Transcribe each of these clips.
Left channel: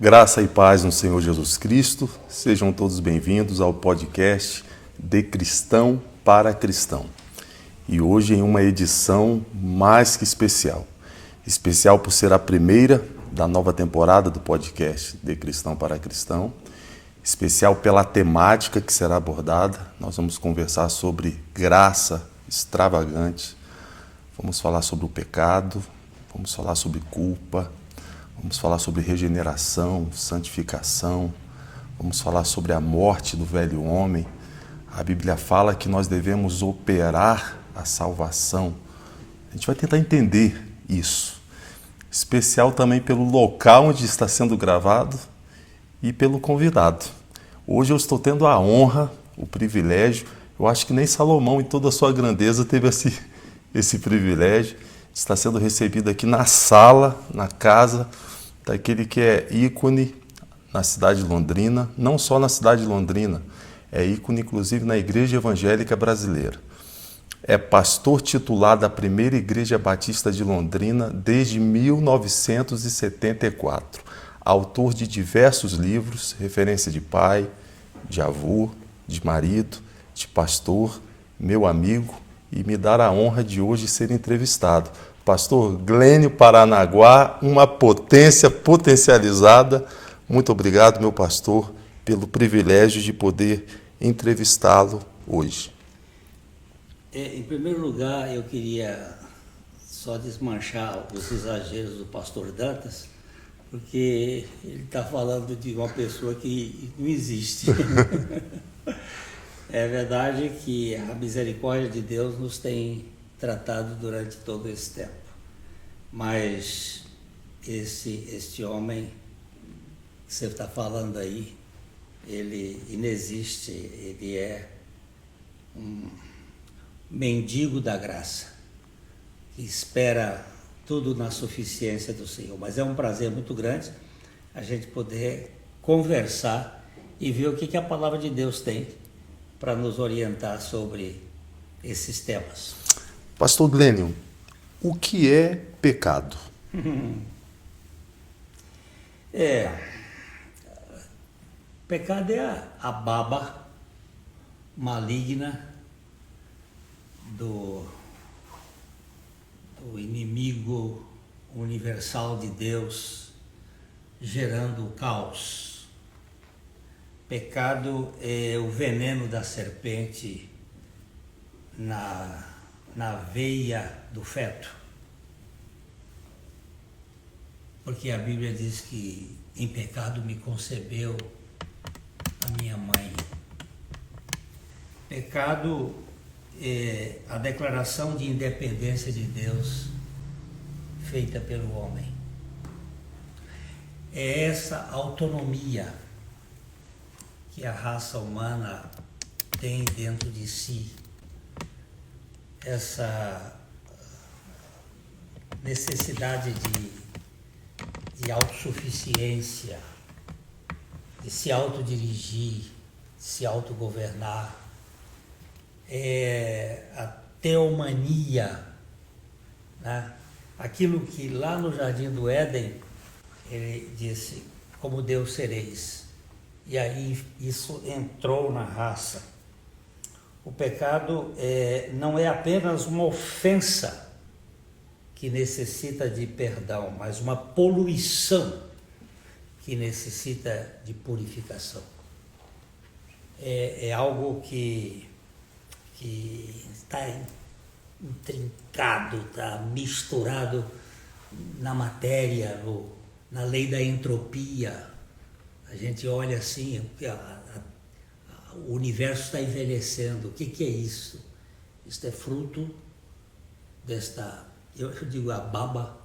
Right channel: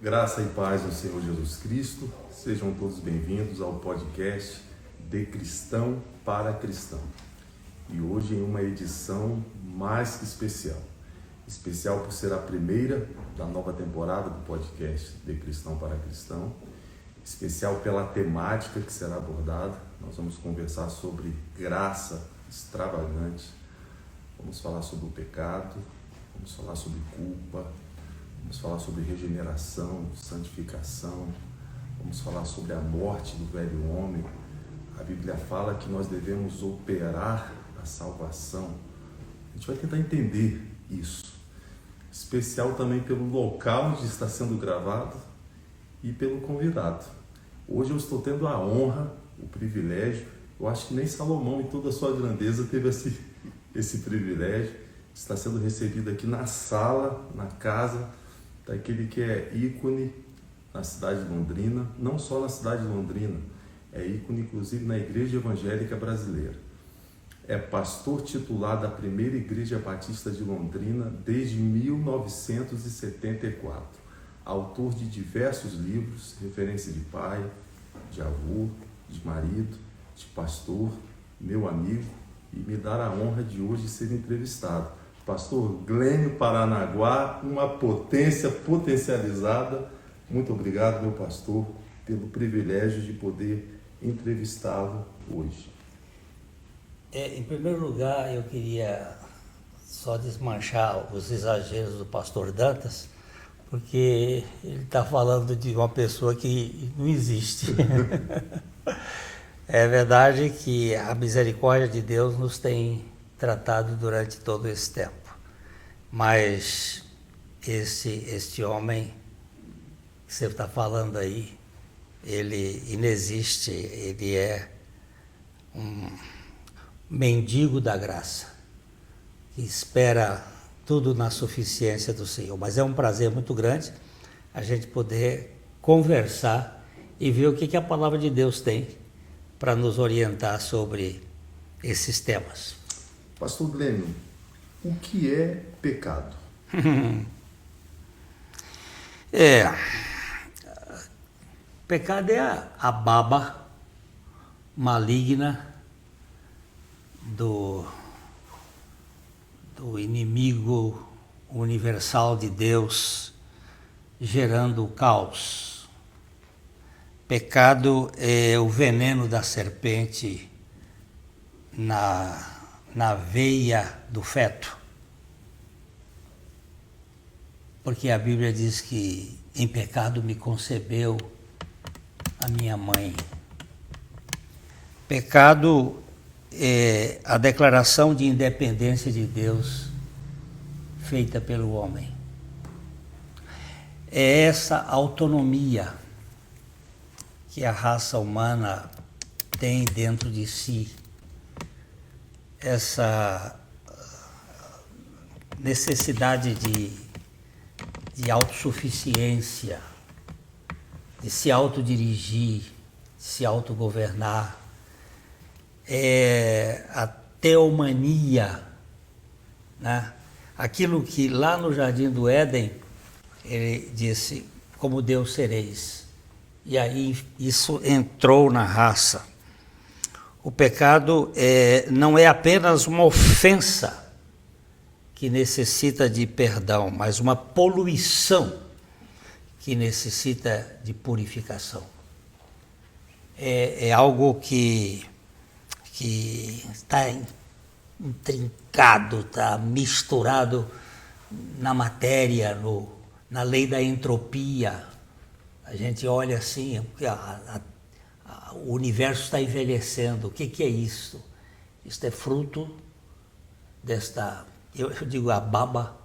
Graça e paz no Senhor Jesus Cristo. Sejam todos bem-vindos ao podcast De Cristão para Cristão. E hoje em uma edição mais que especial. Especial por ser a primeira da nova temporada do podcast De Cristão para Cristão. Especial pela temática que será abordada. Nós vamos conversar sobre graça extravagante. Vamos falar sobre o pecado. Vamos falar sobre culpa. Vamos falar sobre regeneração, santificação. Vamos falar sobre a morte do velho homem. A Bíblia fala que nós devemos operar a salvação. A gente vai tentar entender isso. Especial também pelo local onde está sendo gravado e pelo convidado. Hoje eu estou tendo a honra, o privilégio. Eu acho que nem Salomão, em toda a sua grandeza, teve esse privilégio. Está sendo recebido aqui na sala, na casa daquele que é ícone na cidade de Londrina, não só na cidade de Londrina, é ícone inclusive na Igreja Evangélica Brasileira. É pastor titular da primeira Igreja Batista de Londrina desde 1974. Autor de diversos livros, referência de pai, de avô, de marido, de pastor, meu amigo, e me dar a honra de hoje ser entrevistado. Pastor Glênio Paranaguá, uma potência potencializada. Muito obrigado, meu pastor, pelo privilégio de poder entrevistá-lo hoje. Em primeiro lugar, eu queria só desmanchar os exageros do pastor Dantas, porque ele está falando de uma pessoa que não existe. É verdade que a misericórdia de Deus nos tem tratado durante todo esse tempo, mas este homem que você está falando aí, ele inexiste, ele é um mendigo da graça, que espera tudo na suficiência do Senhor. Mas é um prazer muito grande a gente poder conversar e ver o que a palavra de Deus tem para nos orientar sobre esses temas. Pastor Glênio, o que é pecado? Pecado é a baba maligna do inimigo universal de Deus, gerando o caos. Pecado é o veneno da serpente na veia do feto. Porque a Bíblia diz que em pecado me concebeu a minha mãe. Pecado é a declaração de independência de Deus feita pelo homem. É essa autonomia que a raça humana tem dentro de si, essa necessidade de autossuficiência, de se autodirigir, de se autogovernar, a teomania, né? Aquilo que lá no Jardim do Éden ele disse, como Deus sereis. E aí isso entrou na raça. O pecado não é apenas uma ofensa que necessita de perdão, mas uma poluição que necessita de purificação. É algo que está intrincado, está misturado na matéria, na lei da entropia. A gente olha assim, o universo está envelhecendo. O que é isso? Isto é fruto desta, eu digo, a baba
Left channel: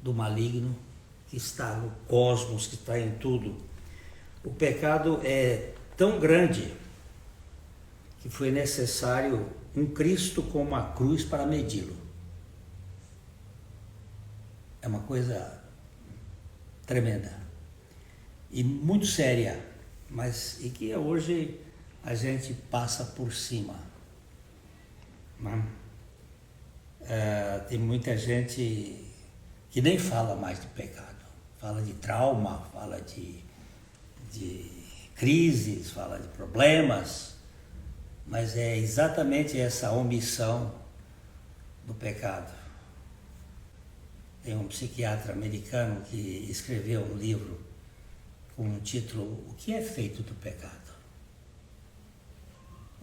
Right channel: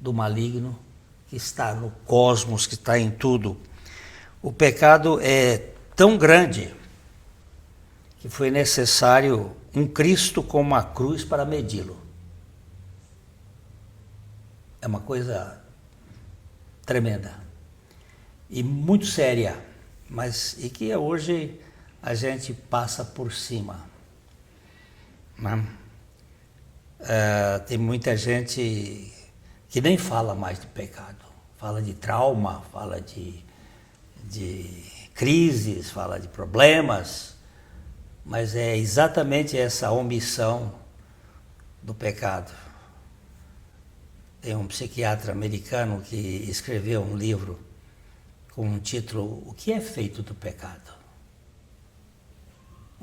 do maligno que está no cosmos, que está em tudo. O pecado é tão grande que foi necessário um Cristo com uma cruz para medi-lo. É uma coisa tremenda e muito séria, mas e que hoje a gente passa por cima, né? Tem muita gente que nem fala mais de pecado, fala de trauma, fala de crises, fala de problemas, mas é exatamente essa omissão do pecado. Tem um psiquiatra americano que escreveu um livro com um título O que é feito do pecado?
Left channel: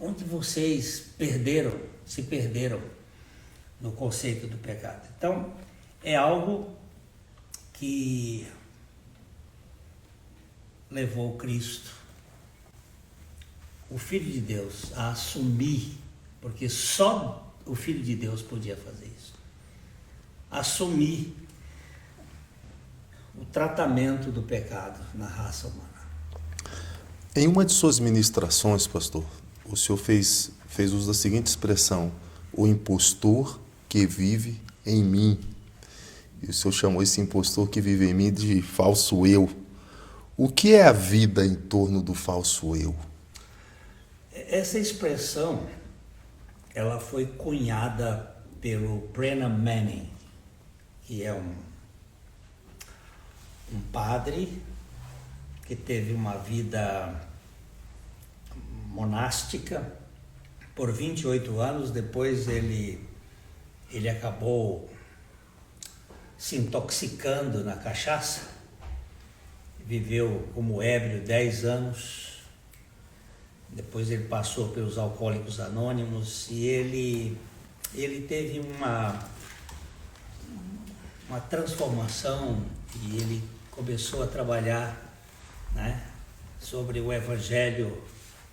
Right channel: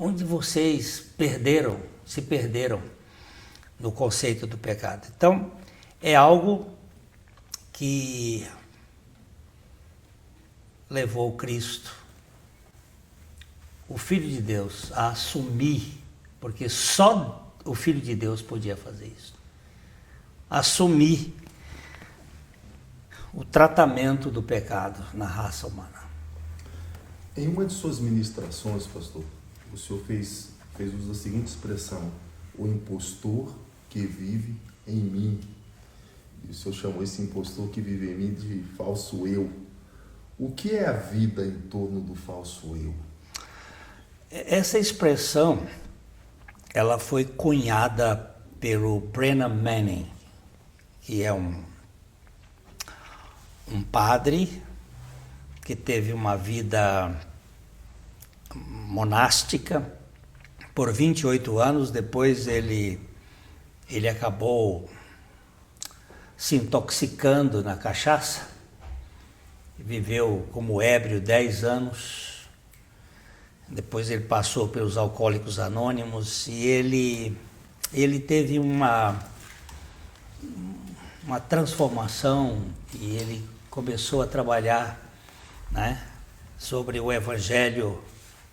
Onde vocês se perderam no conceito do pecado. Então, é algo que levou Cristo, o Filho de Deus, a assumir, porque só o Filho de Deus podia fazer isso, assumir o tratamento do pecado na raça humana. Em uma de suas ministrações, pastor, o senhor fez uso da seguinte expressão: o impostor que vive em mim. E o senhor chamou esse impostor que vive em mim de falso eu. O que é a vida em torno do falso eu? Essa expressão, ela foi cunhada pelo Brennan Manning, que é um padre que teve uma vida monástica por 28 anos. Depois ele acabou se intoxicando na cachaça, viveu como ébrio 10 anos. Depois ele passou pelos Alcoólicos Anônimos e ele teve uma transformação, e ele começou a trabalhar, né, sobre o Evangelho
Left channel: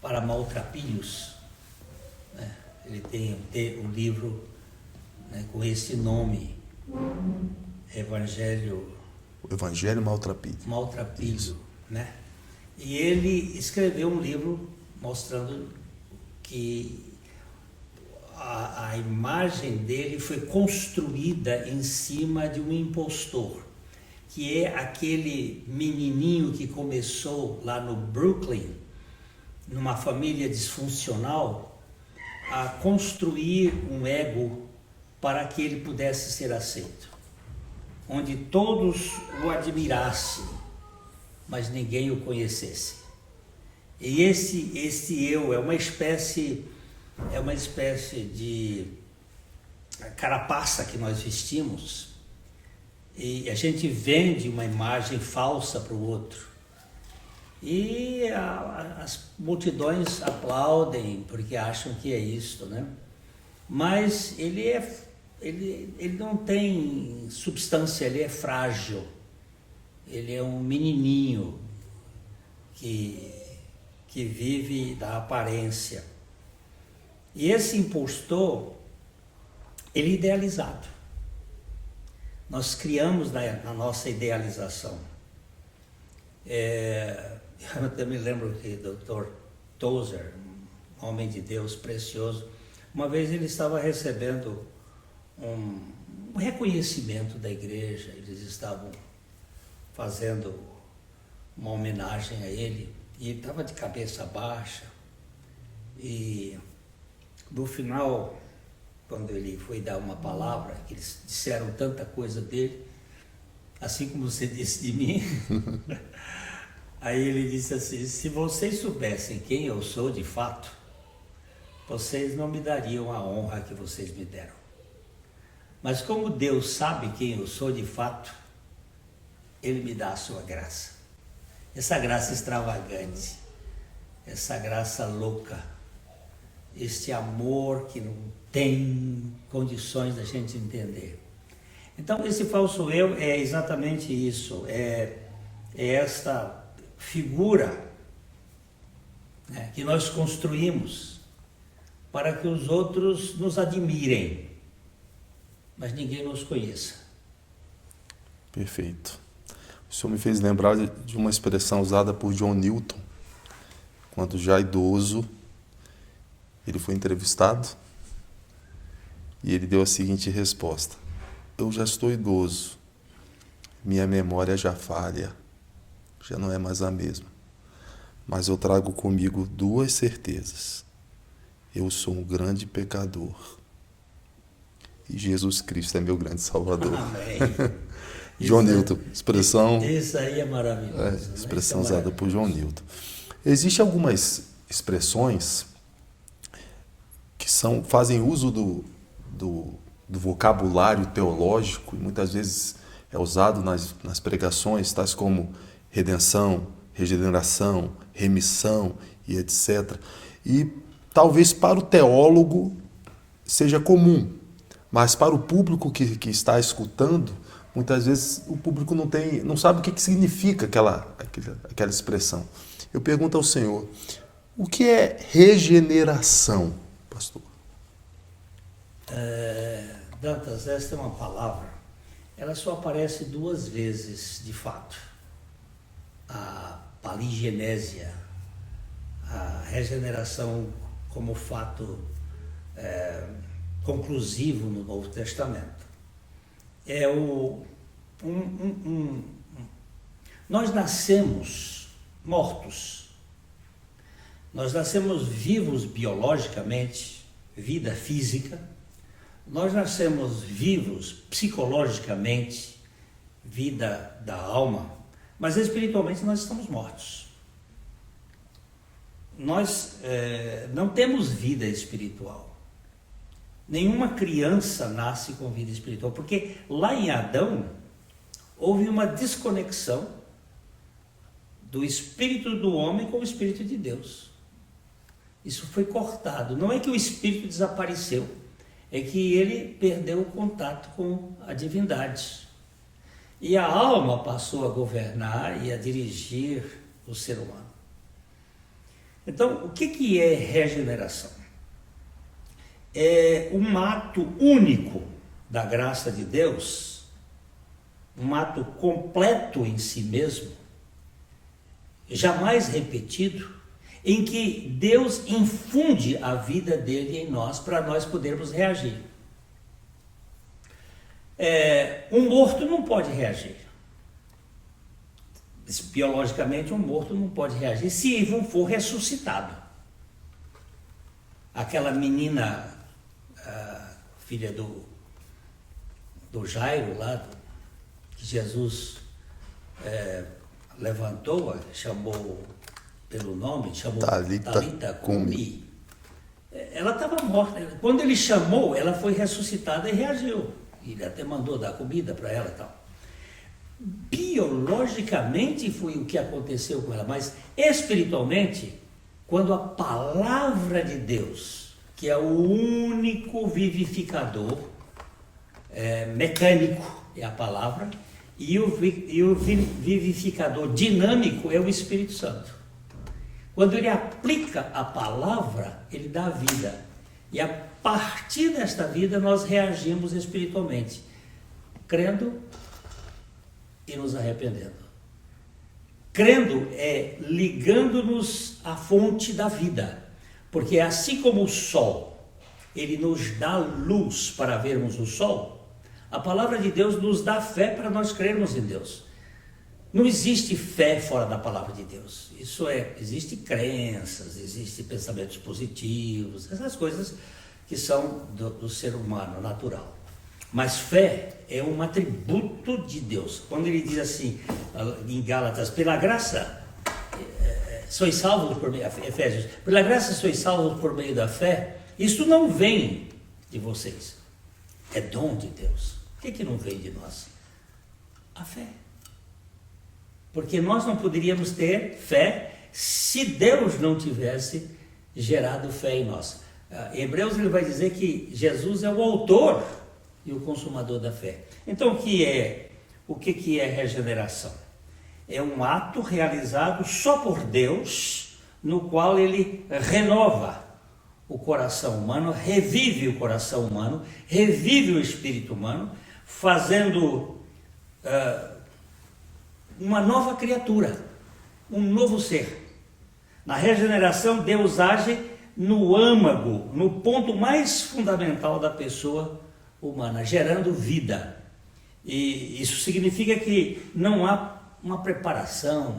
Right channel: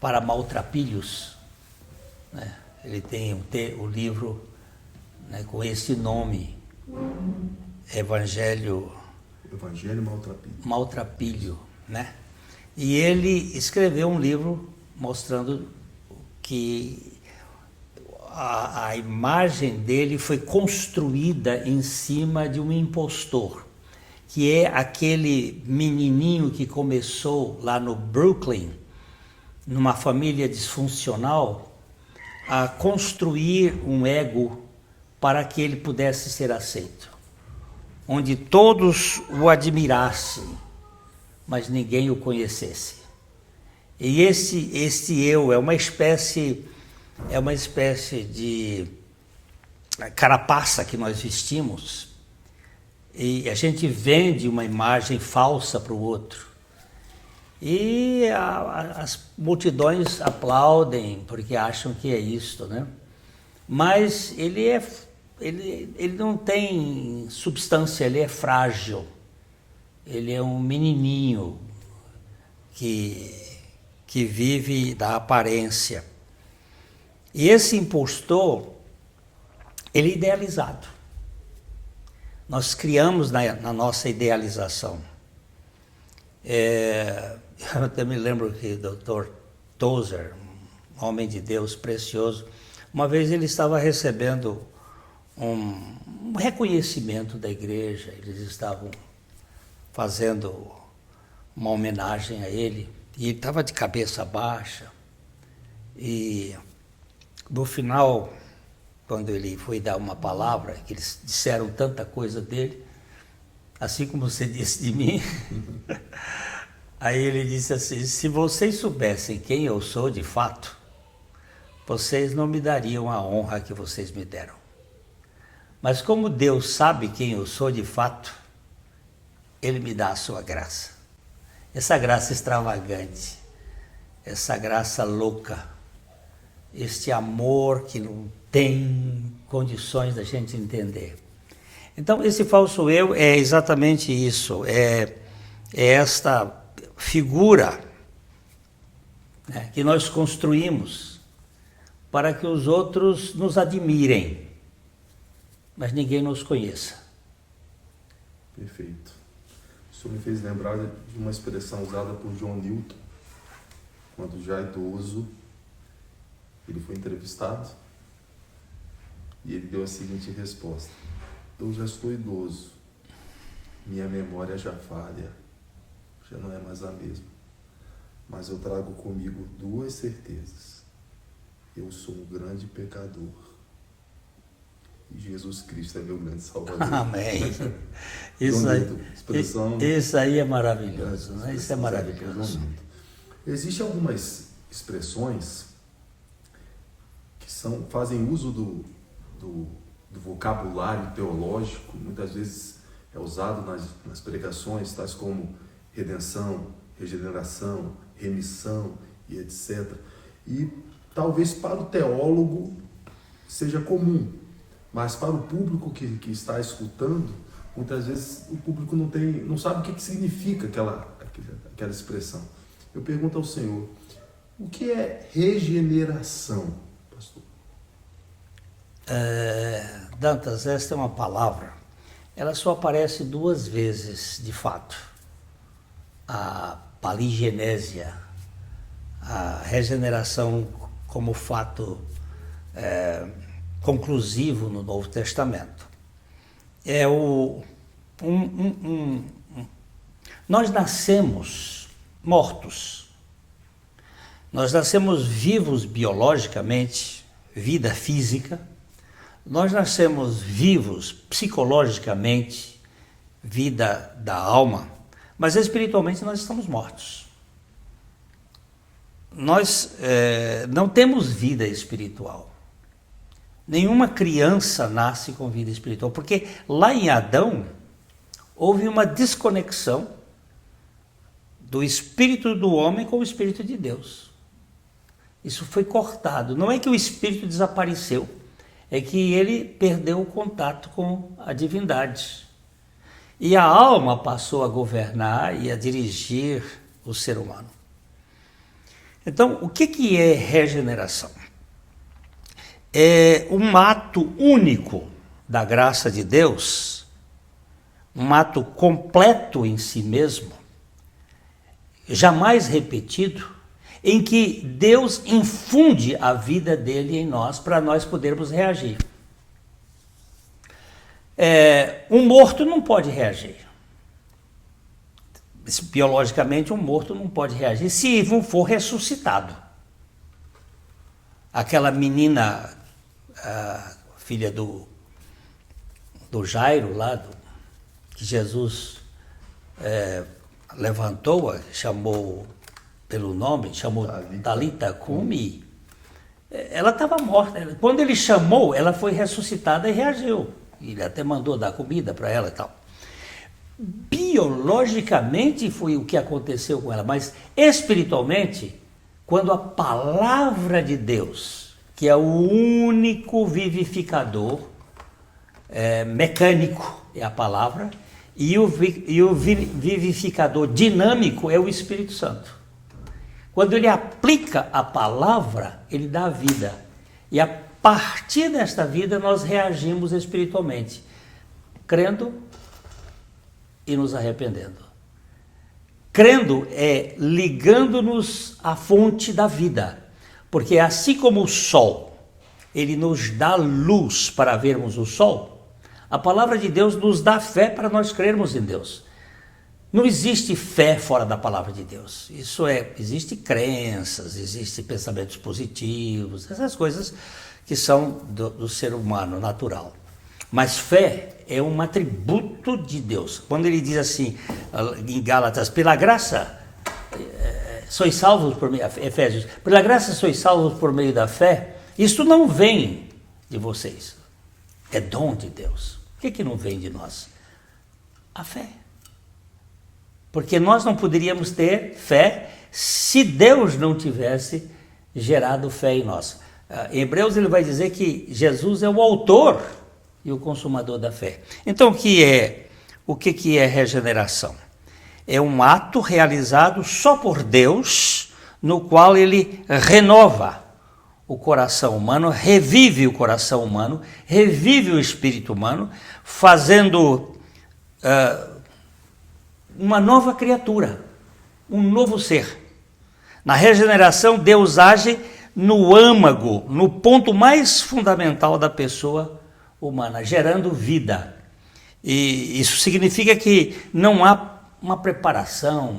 para maltrapilhos, né? Ele tem o livro, né, com esse nome, O Evangelho Maltrapilho, né? E ele escreveu um livro mostrando que a imagem dele foi construída em cima de um impostor, que é aquele menininho que começou lá no Brooklyn, numa família disfuncional, a construir um ego para que ele pudesse ser aceito, onde todos o admirassem, mas ninguém o conhecesse. E esse eu é uma espécie de carapaça que nós vestimos, e a gente vende uma imagem falsa para o outro. E as multidões aplaudem porque acham que é isto, né? Mas ele não tem substância, ele é frágil. Ele é um menininho que vive da aparência. E esse impostor, ele é idealizado. Nós criamos na nossa idealização. Eu até me lembro que o Dr. Tozer, um homem de Deus precioso, uma vez ele estava recebendo um reconhecimento da igreja. Eles estavam fazendo uma homenagem a ele, e ele estava de cabeça baixa, e no final, quando ele foi dar uma palavra, que eles disseram tanta coisa dele, assim como você disse de mim, aí ele disse assim: se vocês soubessem quem eu sou de fato, vocês não me dariam a honra que vocês me deram. Mas como Deus sabe quem eu sou de fato, Ele me dá a sua graça. Essa graça extravagante, essa graça louca, este amor que não tem condições da gente entender. Então, esse falso eu é exatamente isso, é esta figura, né, que nós construímos para que os outros nos admirem, mas ninguém nos conheça. Perfeito. O senhor me fez lembrar de uma expressão usada por John Newton, quando já idoso, ele foi entrevistado e ele deu a seguinte resposta: eu já estou idoso, minha memória já falha, já não é mais a mesma, mas eu trago comigo duas certezas: eu sou um grande pecador e Jesus Cristo é meu grande Salvador. Amém. João Newton, expressão... Isso aí é maravilhoso. Expressão usada por João Newton. Existem algumas expressões que fazem uso do vocabulário teológico, muitas vezes é usado nas pregações, tais como redenção, regeneração, remissão e etc. E talvez para o teólogo seja comum, mas para o público que está escutando, muitas vezes o público não sabe o que significa aquela expressão. Eu pergunto ao Senhor, o que é regeneração, pastor? Dantas, esta é uma palavra, ela só aparece 2 vezes, de fato. A paligenésia, a regeneração como fato conclusivo no Novo Testamento. Nós nascemos mortos, nós nascemos vivos biologicamente, vida física, nós nascemos vivos psicologicamente, vida da alma, mas espiritualmente nós estamos mortos. Nós não temos vida espiritual. Nenhuma criança nasce com vida espiritual, porque lá em Adão houve uma desconexão do espírito do homem com o espírito de Deus. Isso foi cortado. Não é que o espírito desapareceu, é que ele perdeu o contato com a divindade. E a alma passou a governar e a dirigir o ser humano. Então, o que é regeneração? É um ato único da graça de Deus, um ato completo em si mesmo, jamais repetido, em que Deus infunde a vida dele em nós para nós podermos reagir. Um morto não pode reagir. Biologicamente, um morto não pode reagir se não for ressuscitado. Aquela menina, filha do Jairo, lá, que Jesus levantou, chamou pelo nome, chamou Talita Cumi. Ela estava morta. Quando ele chamou, ela foi ressuscitada e reagiu. Ele até mandou dar comida para ela e tal. Biologicamente foi o que aconteceu com ela, mas espiritualmente, quando a palavra de Deus, que é o único vivificador, mecânico é a palavra, e o vivificador dinâmico é o Espírito Santo. Quando ele aplica a palavra, ele dá vida. E a partir desta vida nós reagimos espiritualmente, crendo e nos arrependendo. Crendo é ligando-nos à fonte da vida, porque assim como o sol, ele nos dá luz para vermos o sol, a palavra de Deus nos dá fé para nós crermos em Deus. Não existe fé fora da palavra de Deus. Existem crenças, existem pensamentos positivos, essas coisas que são do ser humano natural. Mas fé é um atributo de Deus. Quando ele diz assim, em Gálatas, pela graça sois salvos por meio, Efésios, pela graça sois salvos por meio da fé, isso não vem de vocês, é dom de Deus. O que não vem de nós? A fé. Porque nós não poderíamos ter fé se Deus não tivesse gerado fé em nós. Em Hebreus ele vai dizer que Jesus é o autor e o consumador da fé. Então o que é regeneração? É um ato realizado só por Deus, no qual ele renova o coração humano, revive o coração humano, revive o espírito humano, fazendo uma nova criatura, um novo ser. Na regeneração, Deus age no âmago, no ponto mais fundamental da pessoa humana, gerando vida. E isso significa que não há uma preparação,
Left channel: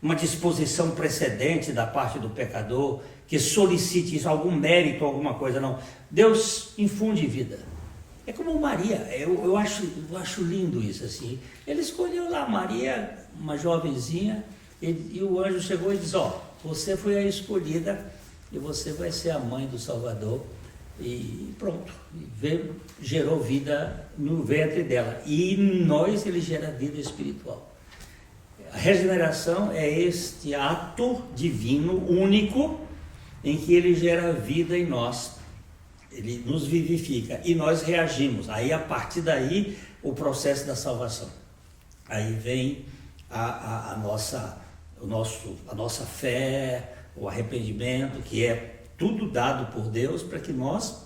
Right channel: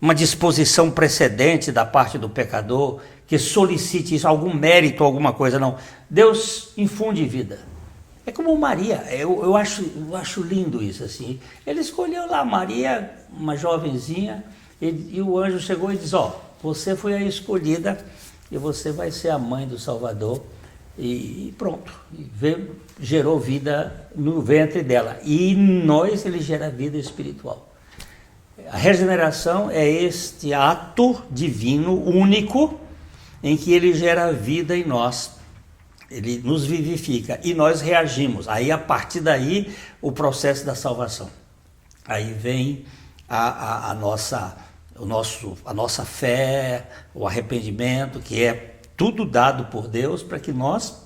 uma disposição precedente da parte do pecador que solicite isso, algum mérito, alguma coisa, não. Deus infunde vida. É como Maria, eu acho lindo isso, assim. Ele escolheu lá Maria, uma jovenzinha, e o anjo chegou e disse, ó, você foi a escolhida e você vai ser a mãe do Salvador. E pronto, gerou vida no ventre dela. E em nós ele gera vida espiritual. A regeneração é este ato divino único em que ele gera vida em nós. Ele nos vivifica e nós reagimos. Aí, a partir daí, o processo da salvação. Aí vem a nossa fé, o arrependimento, que é tudo dado por Deus para que nós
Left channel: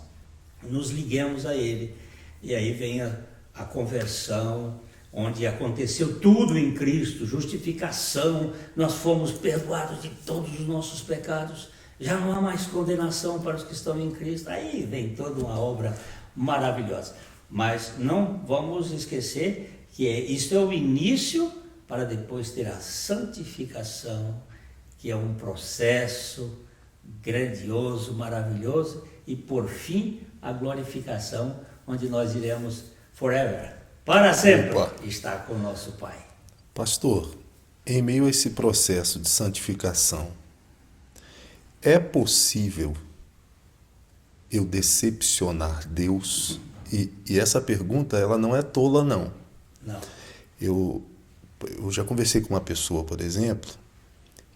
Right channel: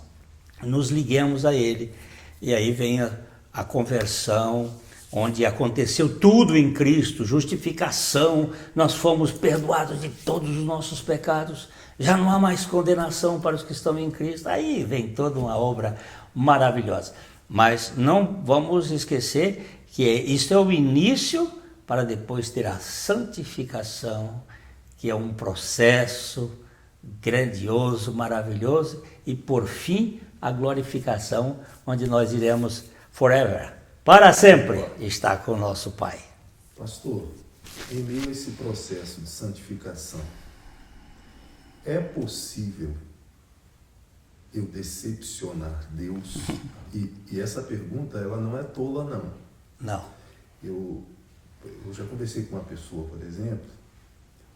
nos liguemos a Ele. E aí vem a conversão, onde aconteceu tudo em Cristo, justificação, nós fomos perdoados de todos os nossos pecados. Já não há mais condenação para os que estão em Cristo. Aí vem toda uma obra maravilhosa. Mas não vamos esquecer que isso é o início para depois ter a santificação, que é um processo grandioso, maravilhoso, e por fim a glorificação, onde nós iremos forever, para sempre, estar com o nosso Pai. Pastor, em meio a esse processo de santificação, é possível eu decepcionar Deus? E essa pergunta, ela não é tola, não. Não. Eu já conversei com uma pessoa, por exemplo,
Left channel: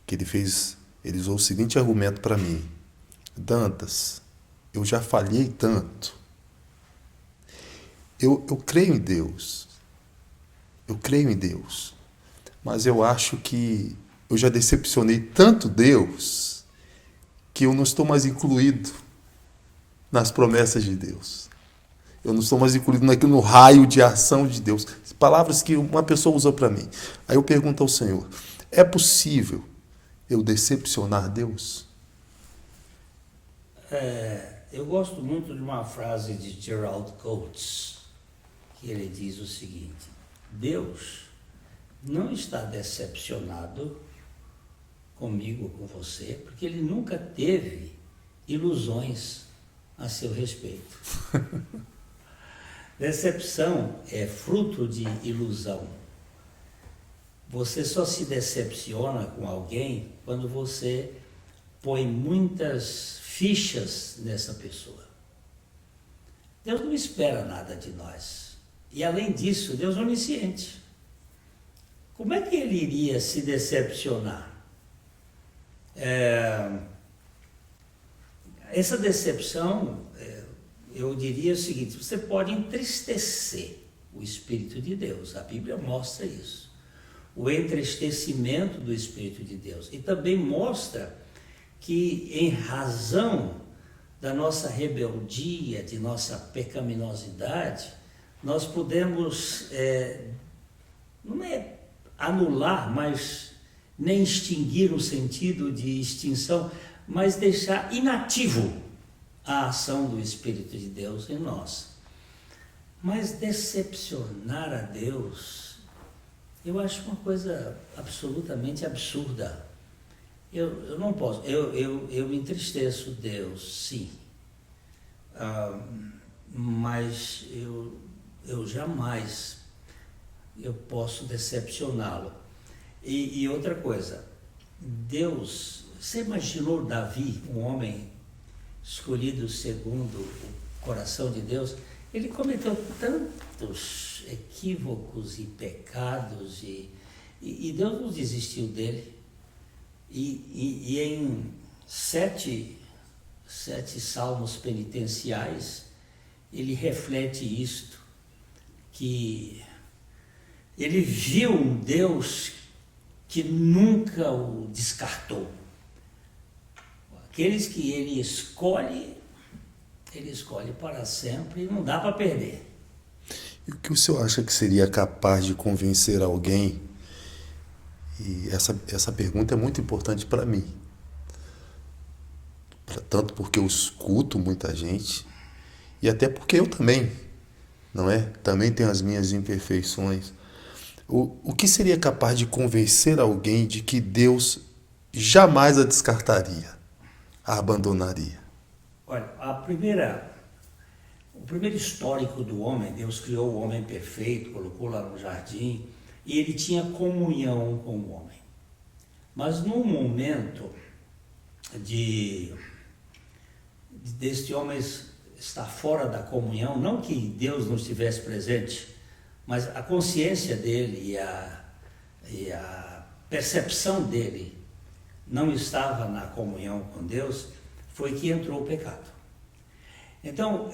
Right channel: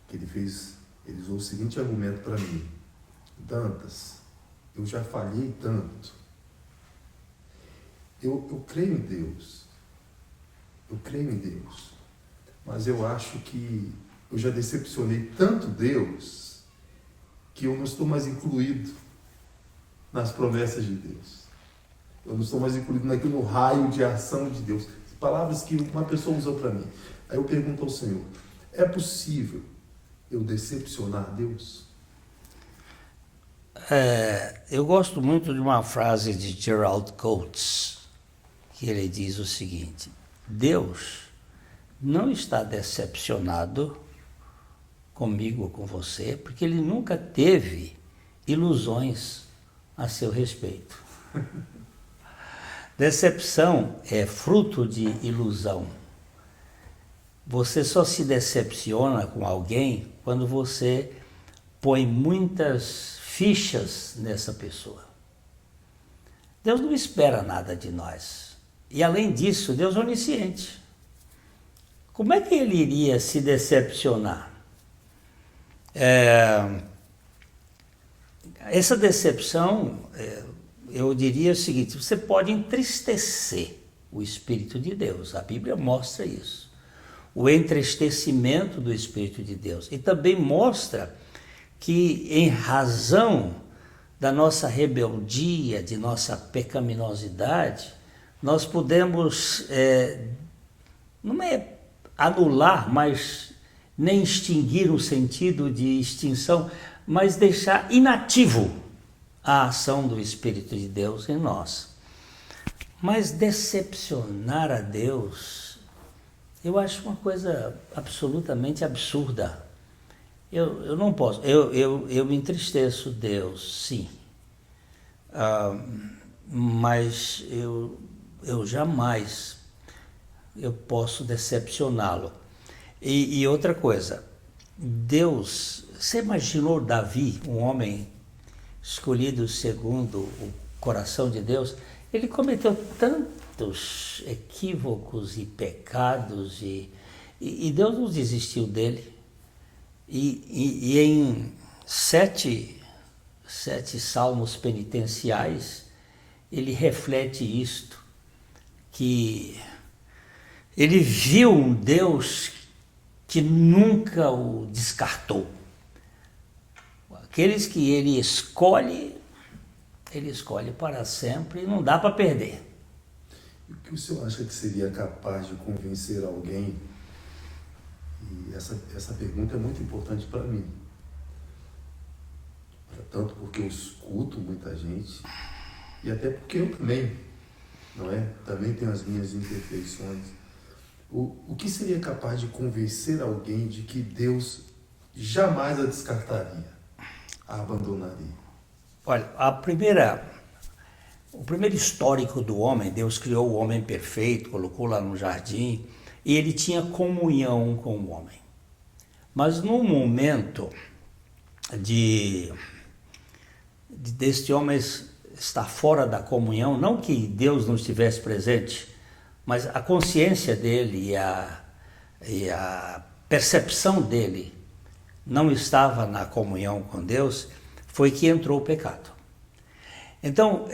que ele usou o seguinte argumento para mim: Dantas, eu já falhei tanto. Eu creio em Deus. Eu creio em Deus. Mas eu acho que eu já decepcionei tanto Deus que eu não estou mais incluído nas promessas de Deus. Eu não estou mais incluído no raio de ação de Deus. Palavras que uma pessoa usou para mim. Aí eu pergunto ao Senhor: é possível eu decepcionar Deus? Eu gosto muito de uma frase de Gerald Coates, que ele diz o seguinte: Deus não está decepcionado comigo ou com você, porque ele nunca teve ilusões a seu respeito. Decepção é fruto de ilusão. Você só se decepciona com alguém quando você põe muitas fichas nessa pessoa. Deus não espera nada de nós. E além disso, Deus é onisciente. Como é que ele iria se decepcionar? Essa decepção, eu diria o seguinte: você pode entristecer o Espírito de Deus. A Bíblia mostra isso. O entristecimento do Espírito de Deus. E também mostra que, em razão da nossa rebeldia, de nossa pecaminosidade, nós podemos, não é anular, mas nem extinguir o sentido de extinção, mas deixar inativo a ação do Espírito de Deus em nós. Mas decepcionar a Deus, eu acho uma coisa absolutamente absurda. Eu não posso, eu me entristeço, Deus, sim, mas eu jamais posso decepcioná-lo. E outra coisa, Deus, você imaginou Davi, um homem escolhido segundo o coração de Deus? Ele cometeu tantos equívocos e pecados e Deus não desistiu dele. E em sete salmos penitenciais, ele reflete isto, que ele viu um Deus que nunca o descartou. Aqueles que ele escolhe para sempre e não dá para perder. E o que o senhor acha que seria capaz de convencer alguém? E essa pergunta é muito importante para mim. Tanto porque eu escuto muita gente, e até porque eu também, não é? Também tenho as minhas imperfeições. O que seria capaz de convencer alguém de que Deus jamais a descartaria, a abandonaria? Olha, o primeiro histórico do homem, Deus criou o homem perfeito, colocou lá no jardim, e ele tinha comunhão com o homem. Mas no momento deste homem estar fora da comunhão, não que Deus não estivesse presente, mas a consciência dele e a percepção dele não estava na comunhão com Deus, foi que entrou o pecado. Então,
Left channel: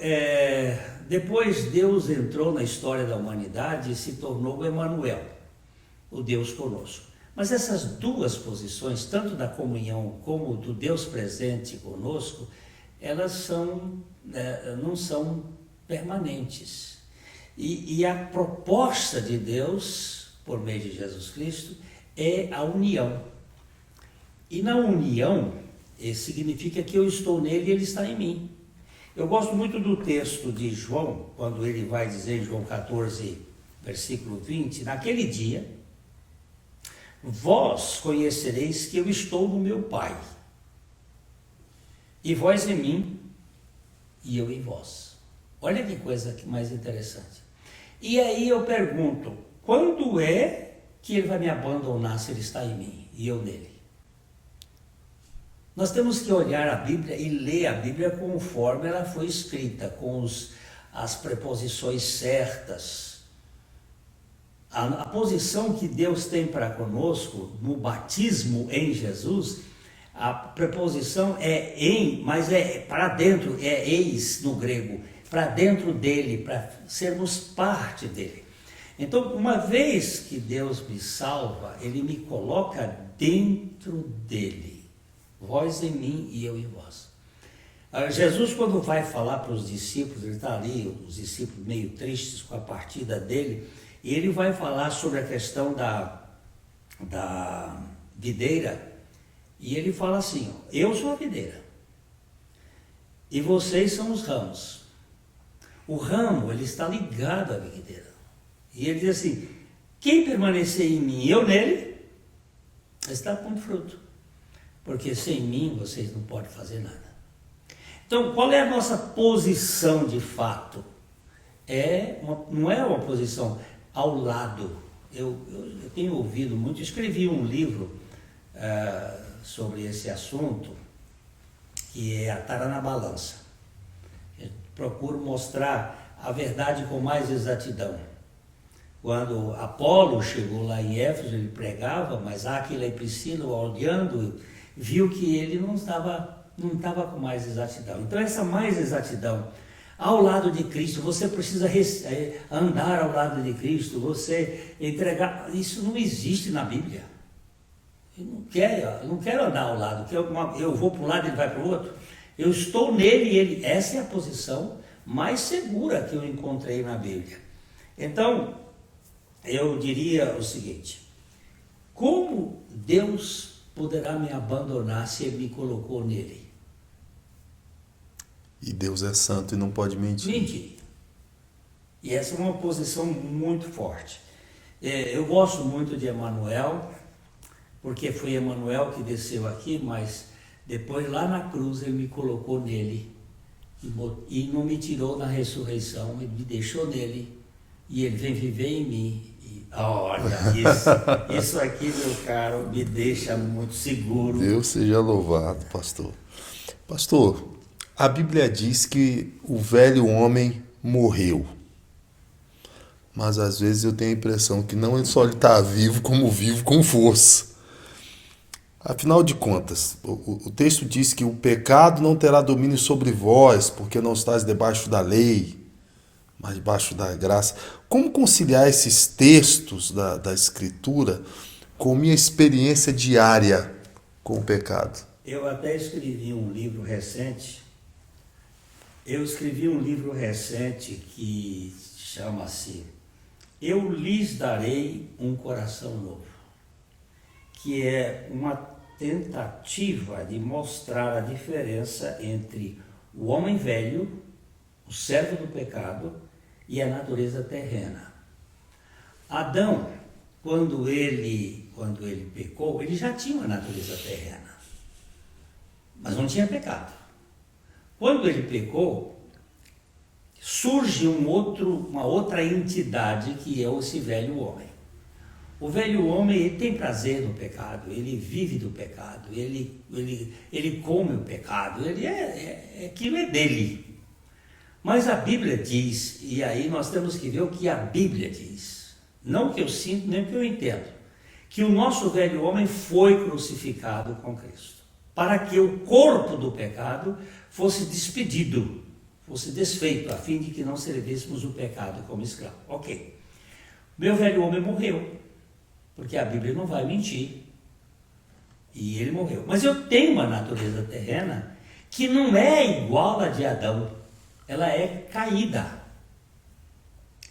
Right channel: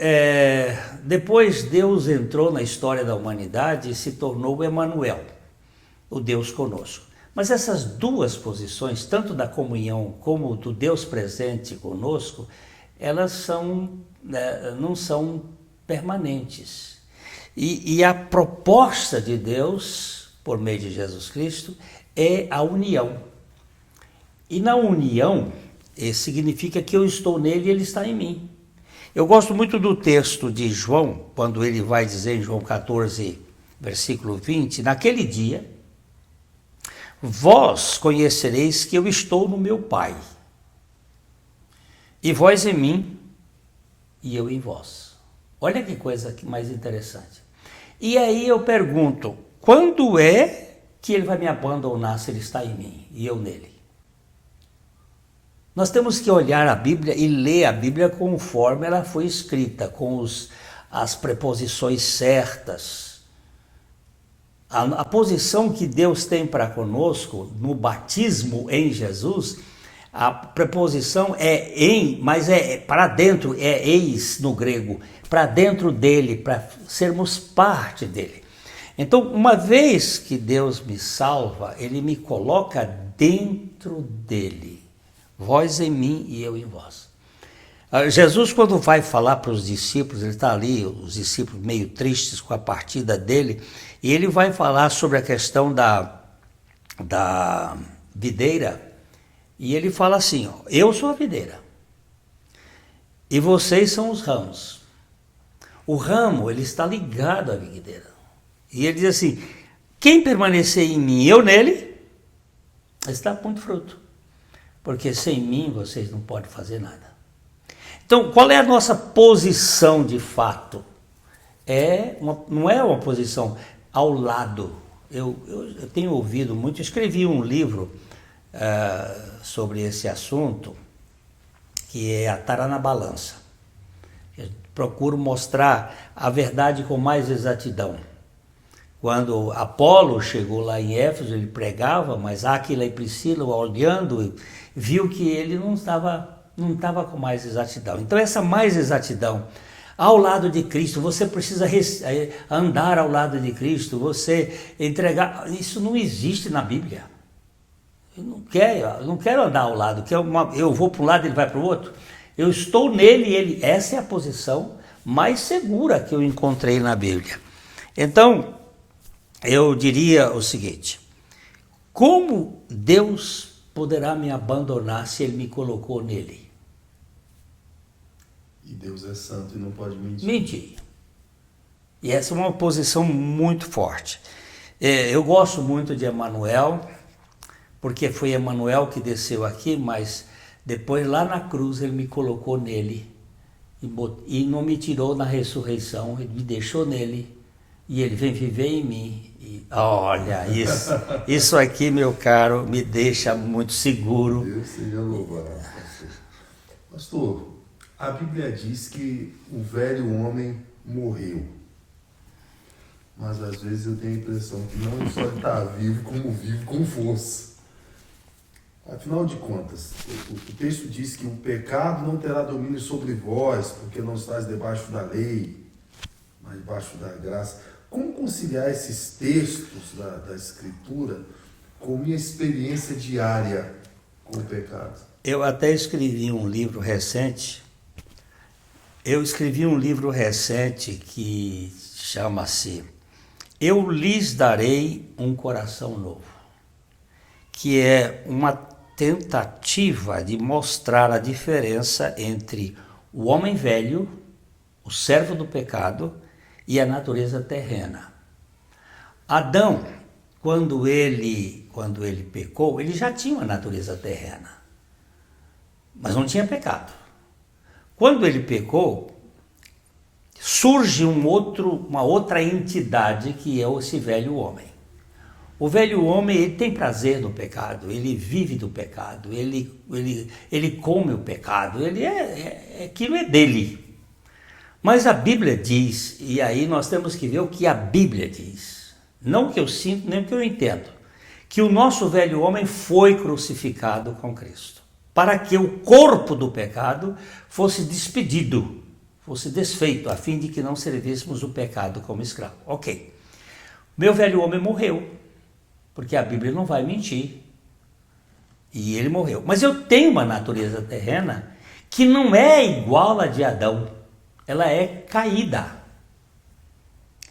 depois Deus entrou na história da humanidade e se tornou o Emanuel, o Deus conosco. Mas essas duas posições, tanto da comunhão como do Deus presente conosco, elas não são permanentes. E a proposta de Deus, por meio de Jesus Cristo, é a união. E na união, significa que eu estou nele e ele está em mim. Eu gosto muito do texto de João, quando ele vai dizer em João 14, versículo 20, naquele dia, vós conhecereis que eu estou no meu Pai, e vós em mim, e eu em vós. Olha que coisa mais interessante. E aí eu pergunto, quando é que ele vai me abandonar se ele está em mim e eu nele? Nós temos que olhar a Bíblia e ler a Bíblia conforme ela foi escrita, com as preposições certas. A posição que Deus tem para conosco no batismo em Jesus, a preposição é em, mas é para dentro, é eis no grego, para dentro dele, para sermos parte dele. Então, uma vez que Deus me salva, ele me coloca dentro dele. Vós em mim e eu em vós. Jesus, quando vai falar para os discípulos, ele está ali, os discípulos meio tristes com a partida dele, e ele vai falar sobre a questão da videira, e ele fala assim, ó, eu sou a videira, e vocês são os ramos. O ramo, ele está ligado à videira. E ele diz assim, quem permanecer em mim e eu nele, está com fruto. Porque sem mim vocês não podem fazer nada. Então, qual é a nossa posição de fato? Não é uma posição ao lado. Eu tenho ouvido muito, escrevi um livro sobre esse assunto, que é Atar na Balança. Eu procuro mostrar a verdade com mais exatidão. Quando Apolo chegou lá em Éfeso, ele pregava, mas Áquila e Priscila, olhando, viu que ele não estava com mais exatidão. Então essa mais exatidão, ao lado de Cristo, você precisa andar ao lado de Cristo, você entregar, isso não existe na Bíblia. Eu não quero andar ao lado, eu vou para um lado e ele vai para o outro. Eu estou nele e essa é a posição mais segura que eu encontrei na Bíblia. Então, eu diria o seguinte, como Deus poderá me abandonar se ele me colocou nele? E Deus é santo e não pode mentir. Mentir. E essa é uma posição muito forte. Eu gosto muito de Emanuel, porque foi Emanuel que desceu aqui, mas depois lá na cruz ele me colocou nele e não me tirou na ressurreição, ele me deixou nele e ele vem viver em mim. Olha, isso aqui, meu caro, me deixa muito seguro. Deus seja louvado, pastor. Pastor, a Bíblia diz que o velho homem morreu. Mas às vezes eu tenho a impressão que não só ele está vivo, como vivo com força. Afinal de contas, o texto diz que o pecado não terá domínio sobre vós, porque não estás debaixo da lei, mas debaixo da graça. Como conciliar esses textos da Escritura com minha experiência diária com o pecado? Eu até escrevi um livro recente. Que chama-se Eu lhes darei um coração novo, que é uma tentativa de mostrar a diferença entre o homem velho, o servo do pecado, e a natureza terrena. Adão, quando ele pecou, ele já tinha uma natureza terrena, mas não tinha pecado. Quando ele pecou, surge uma outra entidade que é esse velho homem. O velho homem, ele tem prazer no pecado, ele vive do pecado, ele come o pecado, aquilo é dele. Mas a Bíblia diz, e aí nós temos que ver o que a Bíblia diz, não o que eu sinto, nem o que eu entendo, que o nosso velho homem foi crucificado com Cristo, para que o corpo do pecado fosse despedido, fosse desfeito, a fim de que não servíssemos o pecado como escravo. Ok, meu velho homem morreu, porque a Bíblia não vai mentir, e ele morreu. Mas eu tenho uma natureza terrena que não é igual à de Adão, ela é caída.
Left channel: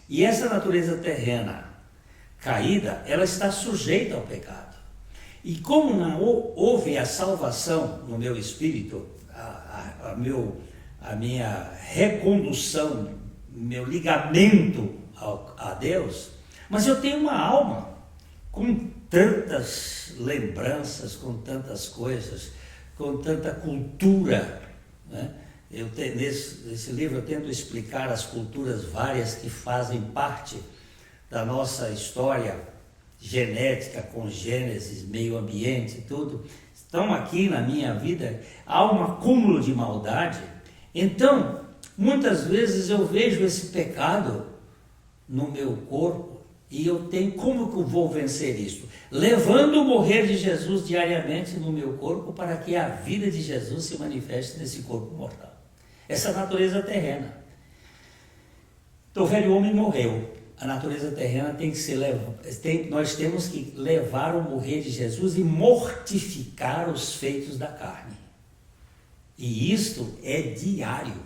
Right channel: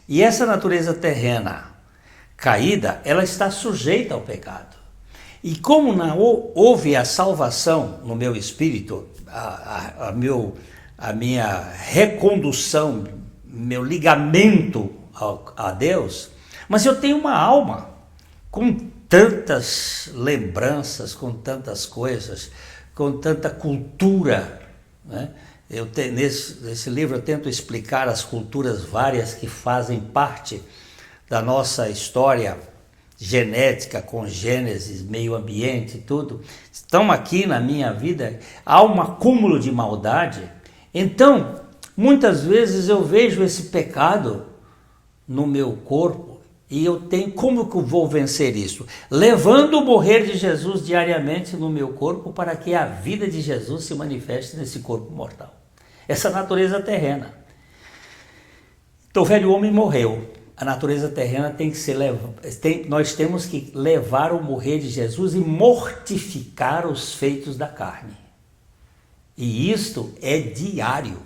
E essa natureza terrena caída, ela está sujeita ao pecado. E como não houve a salvação no meu espírito, a minha recondução, meu ligamento a Deus, mas eu tenho uma alma com tantas lembranças, com tantas coisas, com tanta cultura, né? Nesse livro eu tento explicar as culturas várias que fazem parte da nossa história genética, com Gênesis, meio ambiente e tudo, estão aqui na minha vida. Há um acúmulo de maldade. Então, muitas vezes eu vejo esse pecado no meu corpo e eu tenho, como que eu vou vencer isso? Levando o morrer de Jesus diariamente no meu corpo para que a vida de Jesus se manifeste nesse corpo mortal. Essa natureza terrena. Então o velho homem morreu. A natureza terrena tem que ser nós temos que levar o morrer de Jesus e mortificar os feitos da carne. E isto é diário.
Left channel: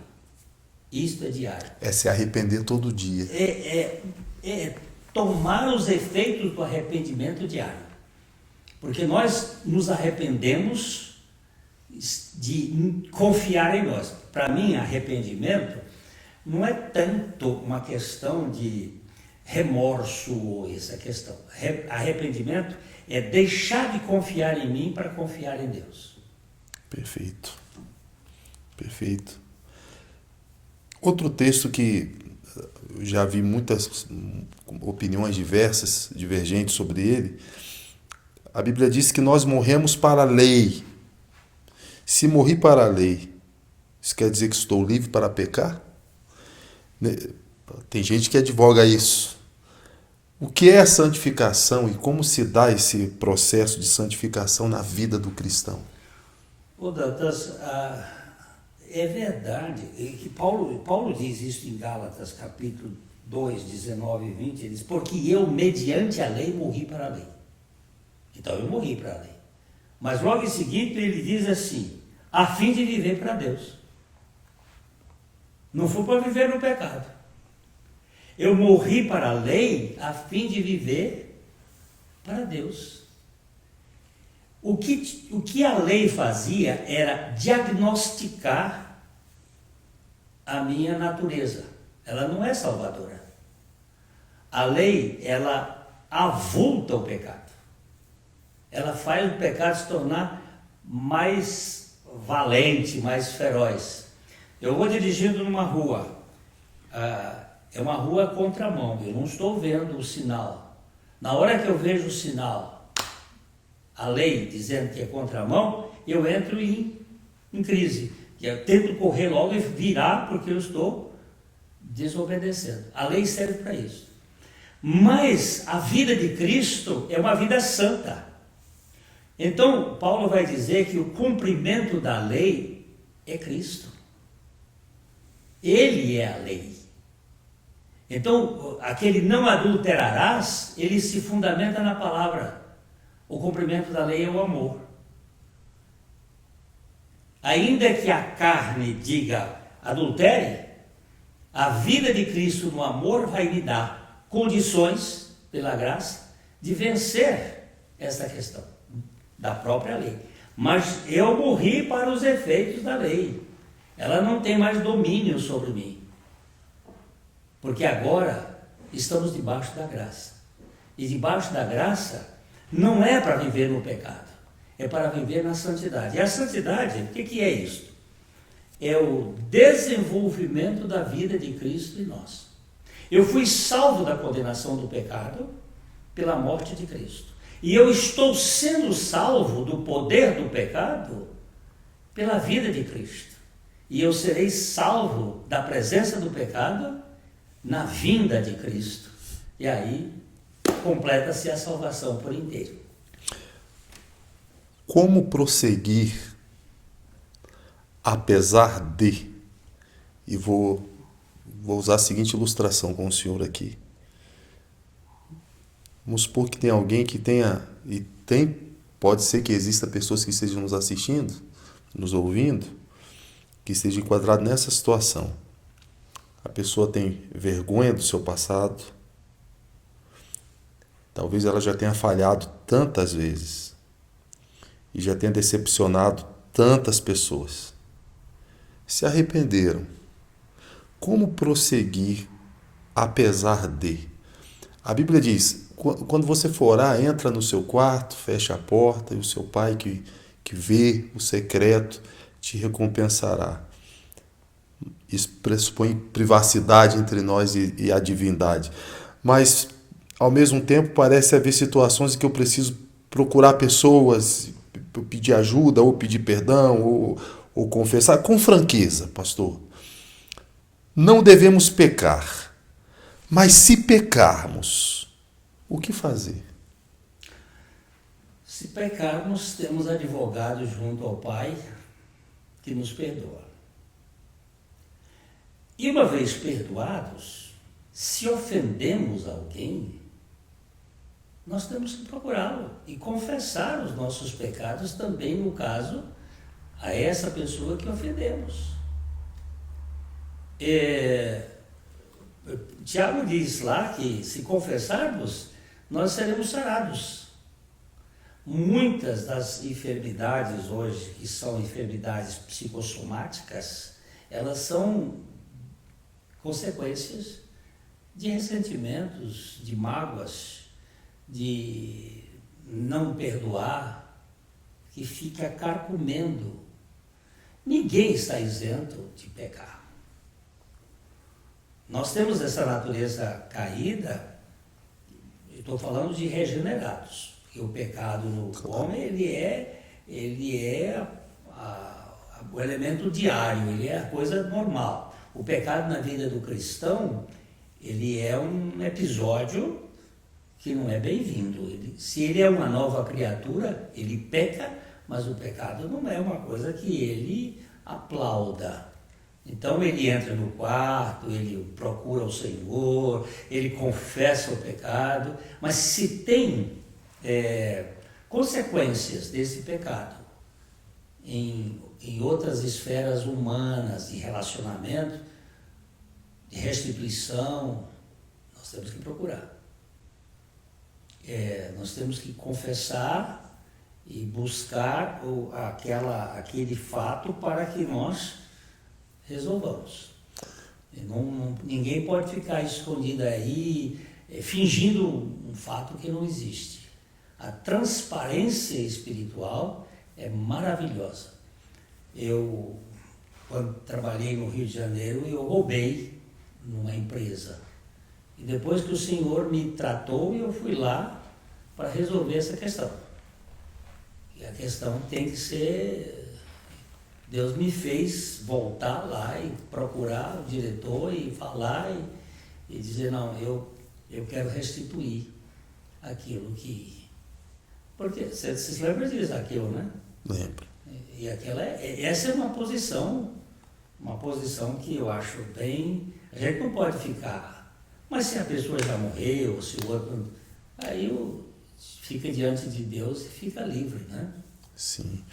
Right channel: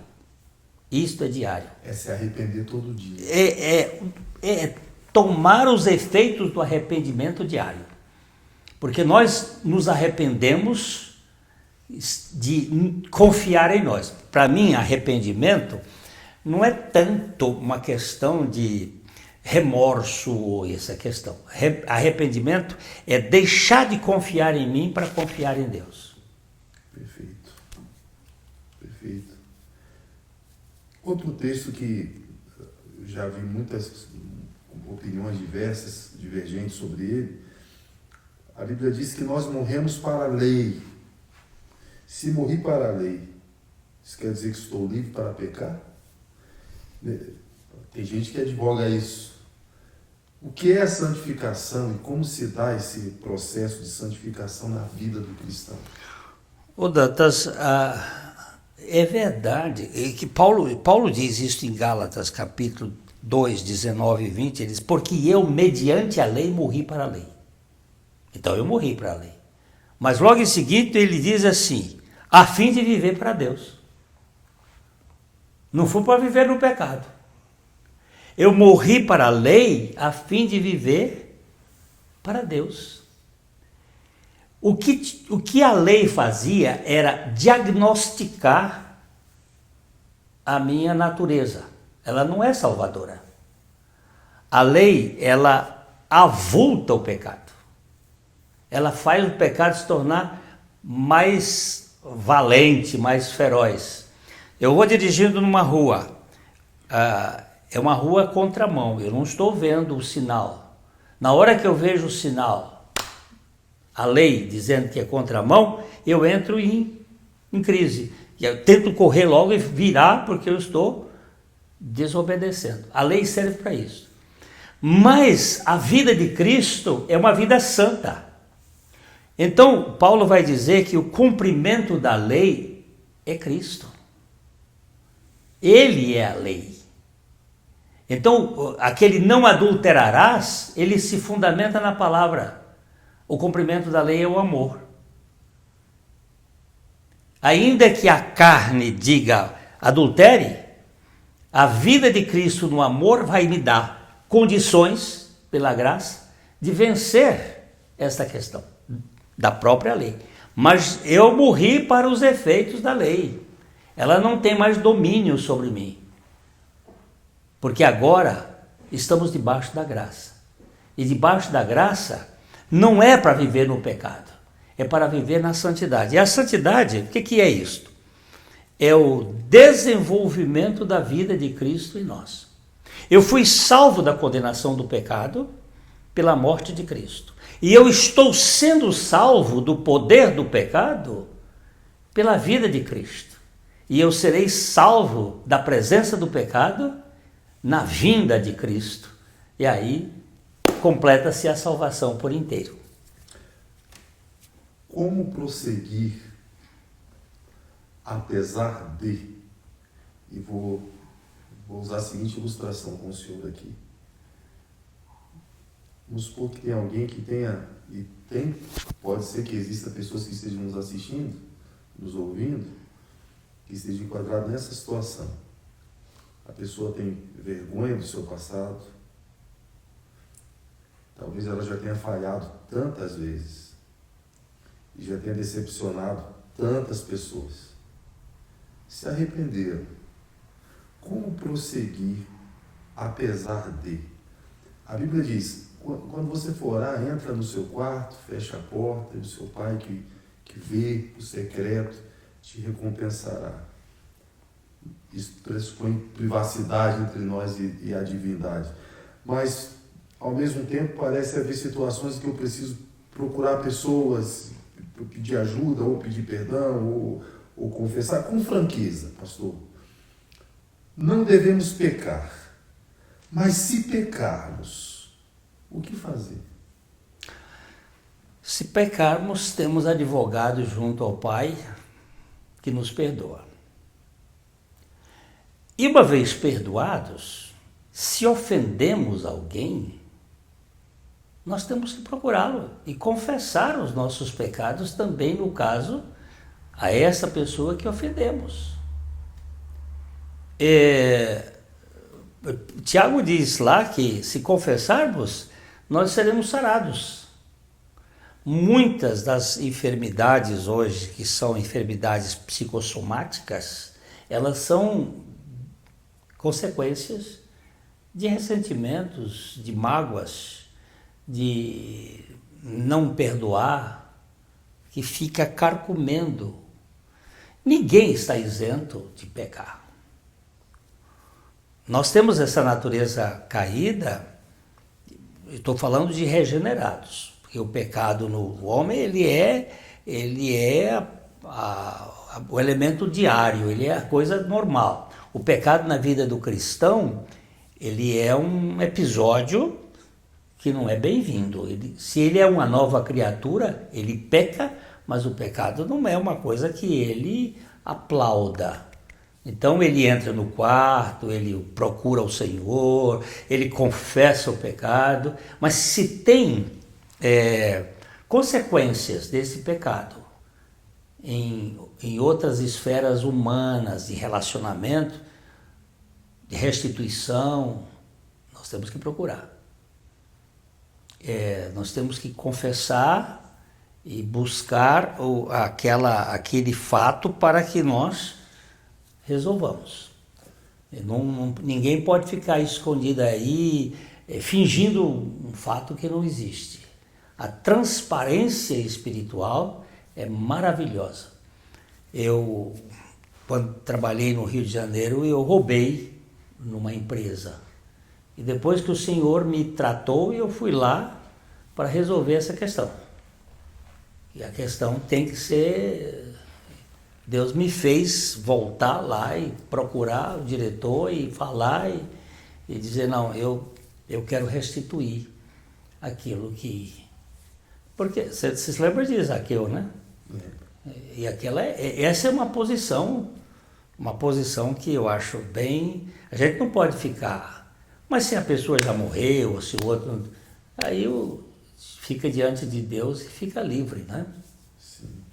Isto é diário. É se arrepender todo dia. É tomar os efeitos do arrependimento diário. Porque nós nos arrependemos de confiar em nós. Para mim, arrependimento não é tanto uma questão de remorso ou essa questão. Arrependimento é deixar de confiar em mim para confiar em Deus. Perfeito. Perfeito. Outro texto que eu já vi muitas opiniões divergentes sobre ele, a Bíblia diz que nós morremos para a lei. Se morri para a lei, isso quer dizer que estou livre para pecar? Tem gente que advoga isso. O que é a santificação e como se dá esse processo de santificação na vida do cristão? Ô Dantas, é verdade que Paulo diz isso em Gálatas, capítulo 2, 19 e 20, ele diz, porque eu, mediante a lei, morri para a lei. Então eu morri para a lei. Mas logo em seguida ele diz assim, a fim de viver para Deus. Não fui para viver no pecado. Eu morri para a lei a fim de viver para Deus. O que a lei fazia era diagnosticar a minha natureza. Ela não é salvadora. A lei, ela avulta o pecado. Ela faz o pecado se tornar mais valente, mais feroz. Eu vou dirigindo numa rua, é uma rua contramão, eu não estou vendo o sinal. Na hora que eu vejo o sinal, a lei dizendo que é contramão, eu entro em crise. Eu tento correr logo e virar porque eu estou desobedecendo. A lei serve para isso. Mas a vida de Cristo é uma vida santa. Então, Paulo vai dizer que o cumprimento da lei é Cristo. Ele é a lei. Então, aquele não adulterarás, ele se fundamenta na palavra. O cumprimento da lei é o amor. Ainda que a carne diga adultere, a vida de Cristo no amor vai me dar condições, pela graça, de vencer essa questão da própria lei. Mas eu morri para os efeitos da lei. Ela não tem mais domínio sobre mim. Porque agora estamos debaixo da graça. E debaixo da graça não é para viver no pecado, é para viver na santidade. E a santidade, o que é isto? é o desenvolvimento da vida de Cristo em nós. Eu fui salvo da condenação do pecado pela morte de Cristo. E eu estou sendo salvo do poder do pecado pela vida de Cristo. E eu serei salvo da presença do pecado na vinda de Cristo. E aí completa-se a salvação por inteiro. Como prosseguir apesar de? E vou usar a seguinte ilustração com o senhor aqui. Vamos supor que tem alguém que pode ser que exista pessoas que estejam nos assistindo, nos ouvindo, que estejam enquadrados nessa situação. A pessoa tem vergonha do seu passado. Talvez ela já tenha falhado tantas vezes e já tenha decepcionado tantas pessoas. Se arrependeram. Como prosseguir apesar de? A Bíblia diz, quando você for orar, entra no seu quarto, fecha a porta e o seu Pai que vê o secreto te recompensará. Isso pressupõe privacidade entre nós e a divindade. Mas, ao mesmo tempo, parece haver situações em que eu preciso procurar pessoas, pedir ajuda, ou pedir perdão, ou confessar com franqueza, pastor. Não devemos pecar. Mas se pecarmos, o que fazer? Se pecarmos, temos advogado junto ao Pai que nos perdoa. E uma vez perdoados, se ofendemos alguém, nós temos que procurá-lo e confessar os nossos pecados também, no caso, a essa pessoa que ofendemos. Tiago diz lá que se confessarmos, nós seremos sarados. Muitas das enfermidades hoje, que são enfermidades psicossomáticas, elas são consequências de ressentimentos, de mágoas, de não perdoar, que fica carcomendo. Ninguém está isento de pecar. Nós temos essa natureza caída, estou falando de regenerados, porque o pecado no homem, ele é o elemento diário, ele é a coisa normal. O pecado na vida do cristão, ele é um episódio que não é bem-vindo. Se ele é uma nova criatura, ele peca, mas o pecado não é uma coisa que ele aplauda. Então ele entra no quarto, ele procura o Senhor, ele confessa o pecado, mas se tem consequências desse pecado em outras esferas humanas, de relacionamento, de restituição, nós temos que procurar. Nós temos que confessar e buscar aquele fato para que nós resolvamos. Ninguém pode ficar escondido aí, fingindo um fato que não existe. A transparência espiritual é maravilhosa. Eu, quando trabalhei no Rio de Janeiro, eu roubei numa empresa. E depois que o Senhor me tratou, eu fui lá para resolver essa questão. E a questão tem que ser... Deus me fez voltar lá e procurar o diretor e falar e dizer, não, eu quero restituir aquilo que... Porque você se lembra de Zaqueu, né? Lembro. E essa é uma posição que eu acho bem... A gente não pode ficar... Mas se a pessoa já morreu, se o outro... Aí fica diante de Deus e fica livre, né? Sim.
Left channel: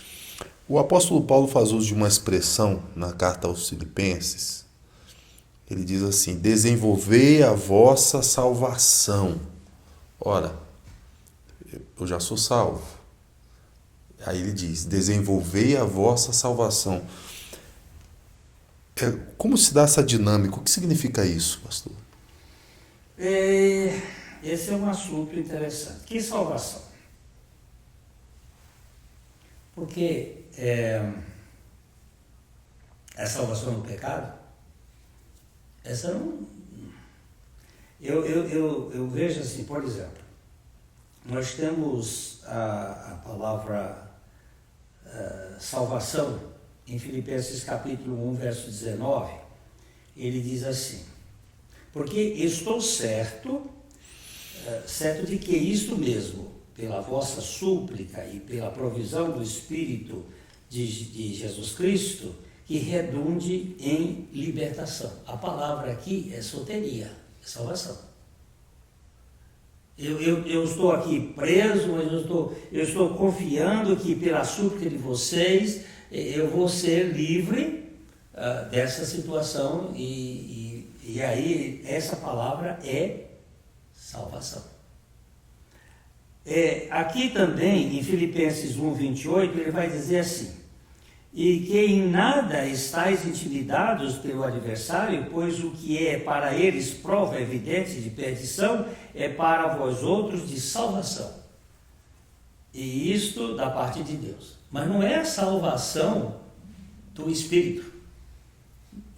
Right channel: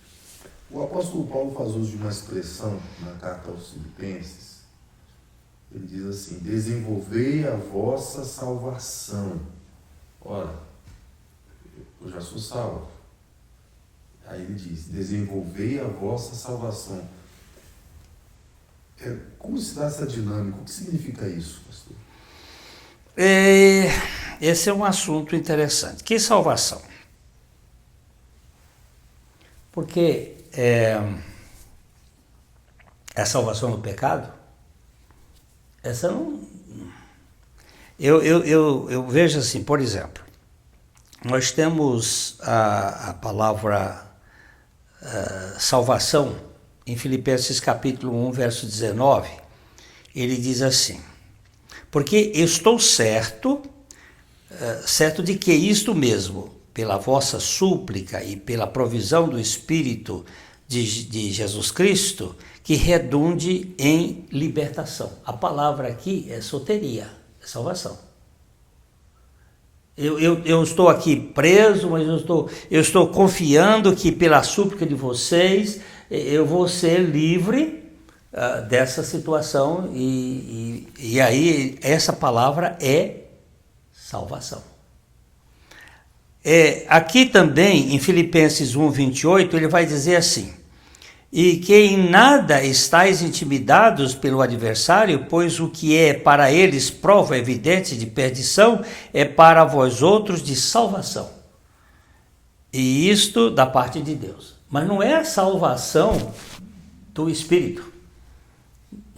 O apóstolo Paulo faz uso de uma expressão na carta aos Filipenses. Ele diz assim, desenvolvei a vossa salvação. Ora, eu já sou salvo. Aí ele diz, desenvolvei a vossa salvação. Como se dá essa dinâmica? O que significa isso, pastor? Esse é um assunto interessante. Que salvação? Porque a salvação do pecado, essa não... Eu vejo assim, por exemplo, nós temos a palavra salvação em Filipenses capítulo 1, verso 19, ele diz assim: porque estou certo de que isto mesmo, pela vossa súplica e pela provisão do Espírito de Jesus Cristo, que redunde em libertação. A palavra aqui é soteria, é salvação. Eu estou aqui preso, mas eu estou confiando que pela súplica de vocês eu vou ser livre dessa situação e aí essa palavra é salvação. Aqui também em Filipenses 1, 28 ele vai dizer assim: e que em nada estáis intimidados pelo adversário, pois o que é para eles prova evidente de perdição, é para vós outros de salvação. E isto da parte de Deus. Mas não é a salvação do espírito,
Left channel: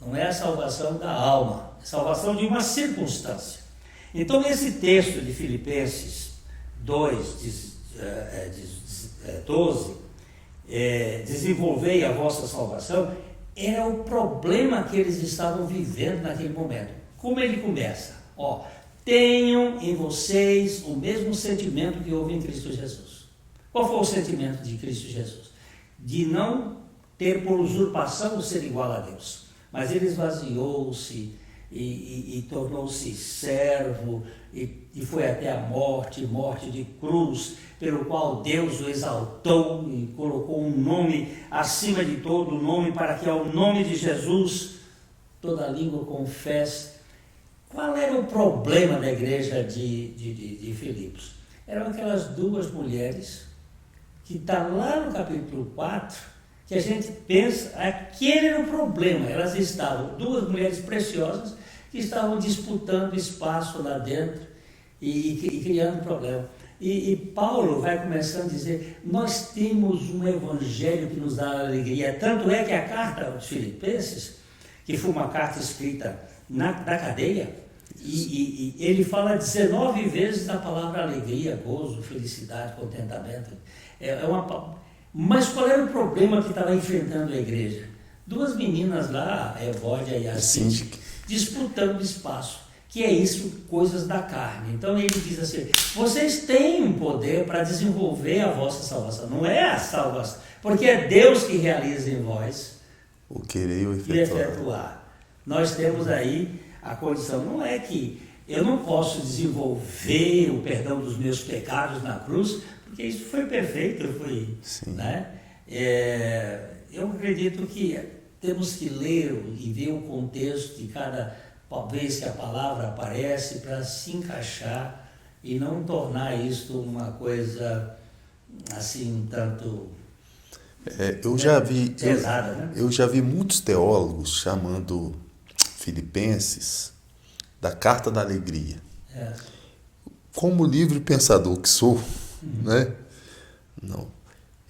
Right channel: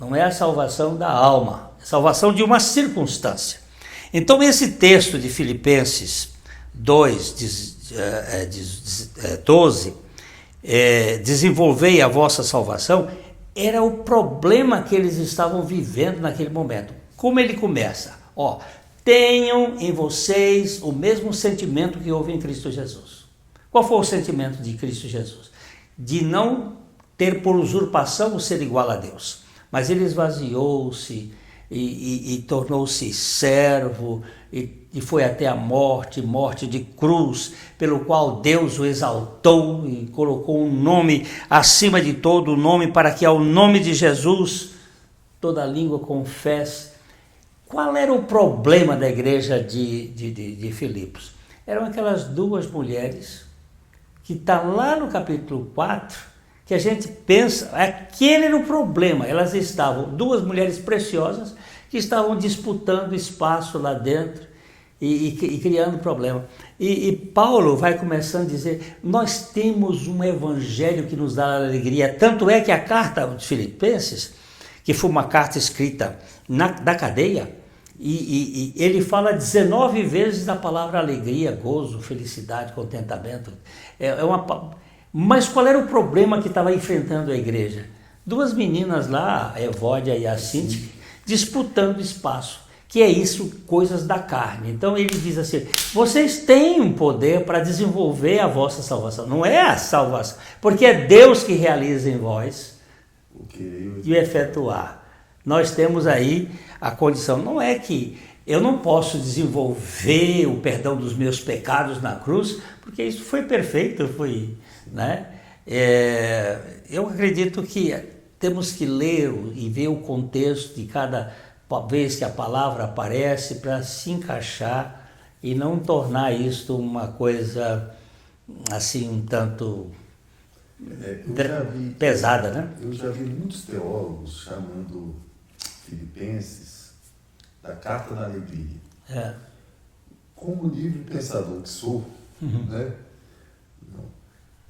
não é a salvação da alma, é a salvação de uma circunstância. Então esse texto de Filipenses 2, 12, desenvolvei a vossa salvação, era o problema que eles estavam vivendo naquele momento. Como ele começa? Tenham em vocês o mesmo sentimento que houve em Cristo Jesus. Qual foi o sentimento de Cristo Jesus? De não ter por usurpação o ser igual a Deus, mas ele esvaziou-se e tornou-se servo e foi até a morte de cruz, pelo qual Deus o exaltou e colocou um nome acima de todo nome, para que ao nome de Jesus toda língua confesse. Qual era o problema da igreja de Filipos? Eram aquelas duas mulheres que está lá no capítulo 4, que a gente pensa, aquele era o problema. Elas estavam, duas mulheres preciosas, que estavam disputando espaço lá dentro e criando problema. E Paulo vai começando a dizer, nós temos um evangelho que nos dá alegria. Tanto é que a carta aos Filipenses, que foi uma carta escrita da cadeia, e ele fala 19 vezes a palavra alegria, gozo, felicidade, contentamento. Mas qual era o problema que estava enfrentando a igreja? Duas meninas lá, Evódia e Assinte, disputando espaço, que é isso, coisas da carne. Então ele diz assim, vocês têm um poder para desenvolver a vossa salvação, não é a salvação, porque é Deus que realiza em vós o querer e efetuar. Nós temos aí a condição, não é que eu não posso desenvolver o perdão dos meus pecados na cruz, porque isso foi perfeito, né? Eu acredito que temos que ler e ver o contexto de cada vez que a palavra aparece para se encaixar e não tornar isto uma coisa assim um tanto pesada, né? Eu já vi muitos teólogos chamando Filipenses da Carta da Alegria. Como livre pensador que sou, né? Não.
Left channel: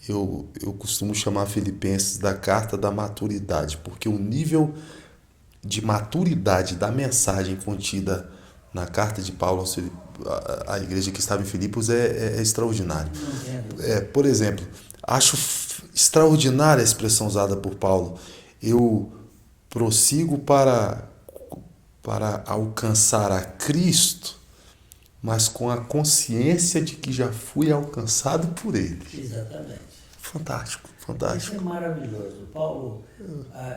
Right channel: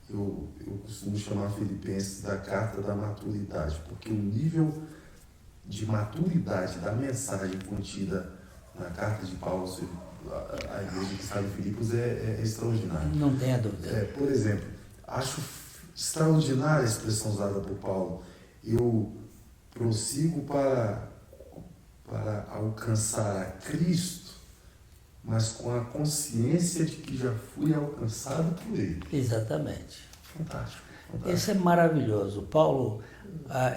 Eu costumo chamar Filipenses da Carta da Maturidade, porque o nível de maturidade da mensagem contida na carta de Paulo à igreja que estava em Filipos é extraordinário. Não tem dúvida. Por exemplo, acho extraordinária a expressão usada por Paulo. Eu prossigo para alcançar a Cristo, mas com a consciência de que já fui alcançado por Ele. Exatamente. Fantástico. Isso é maravilhoso. Paulo,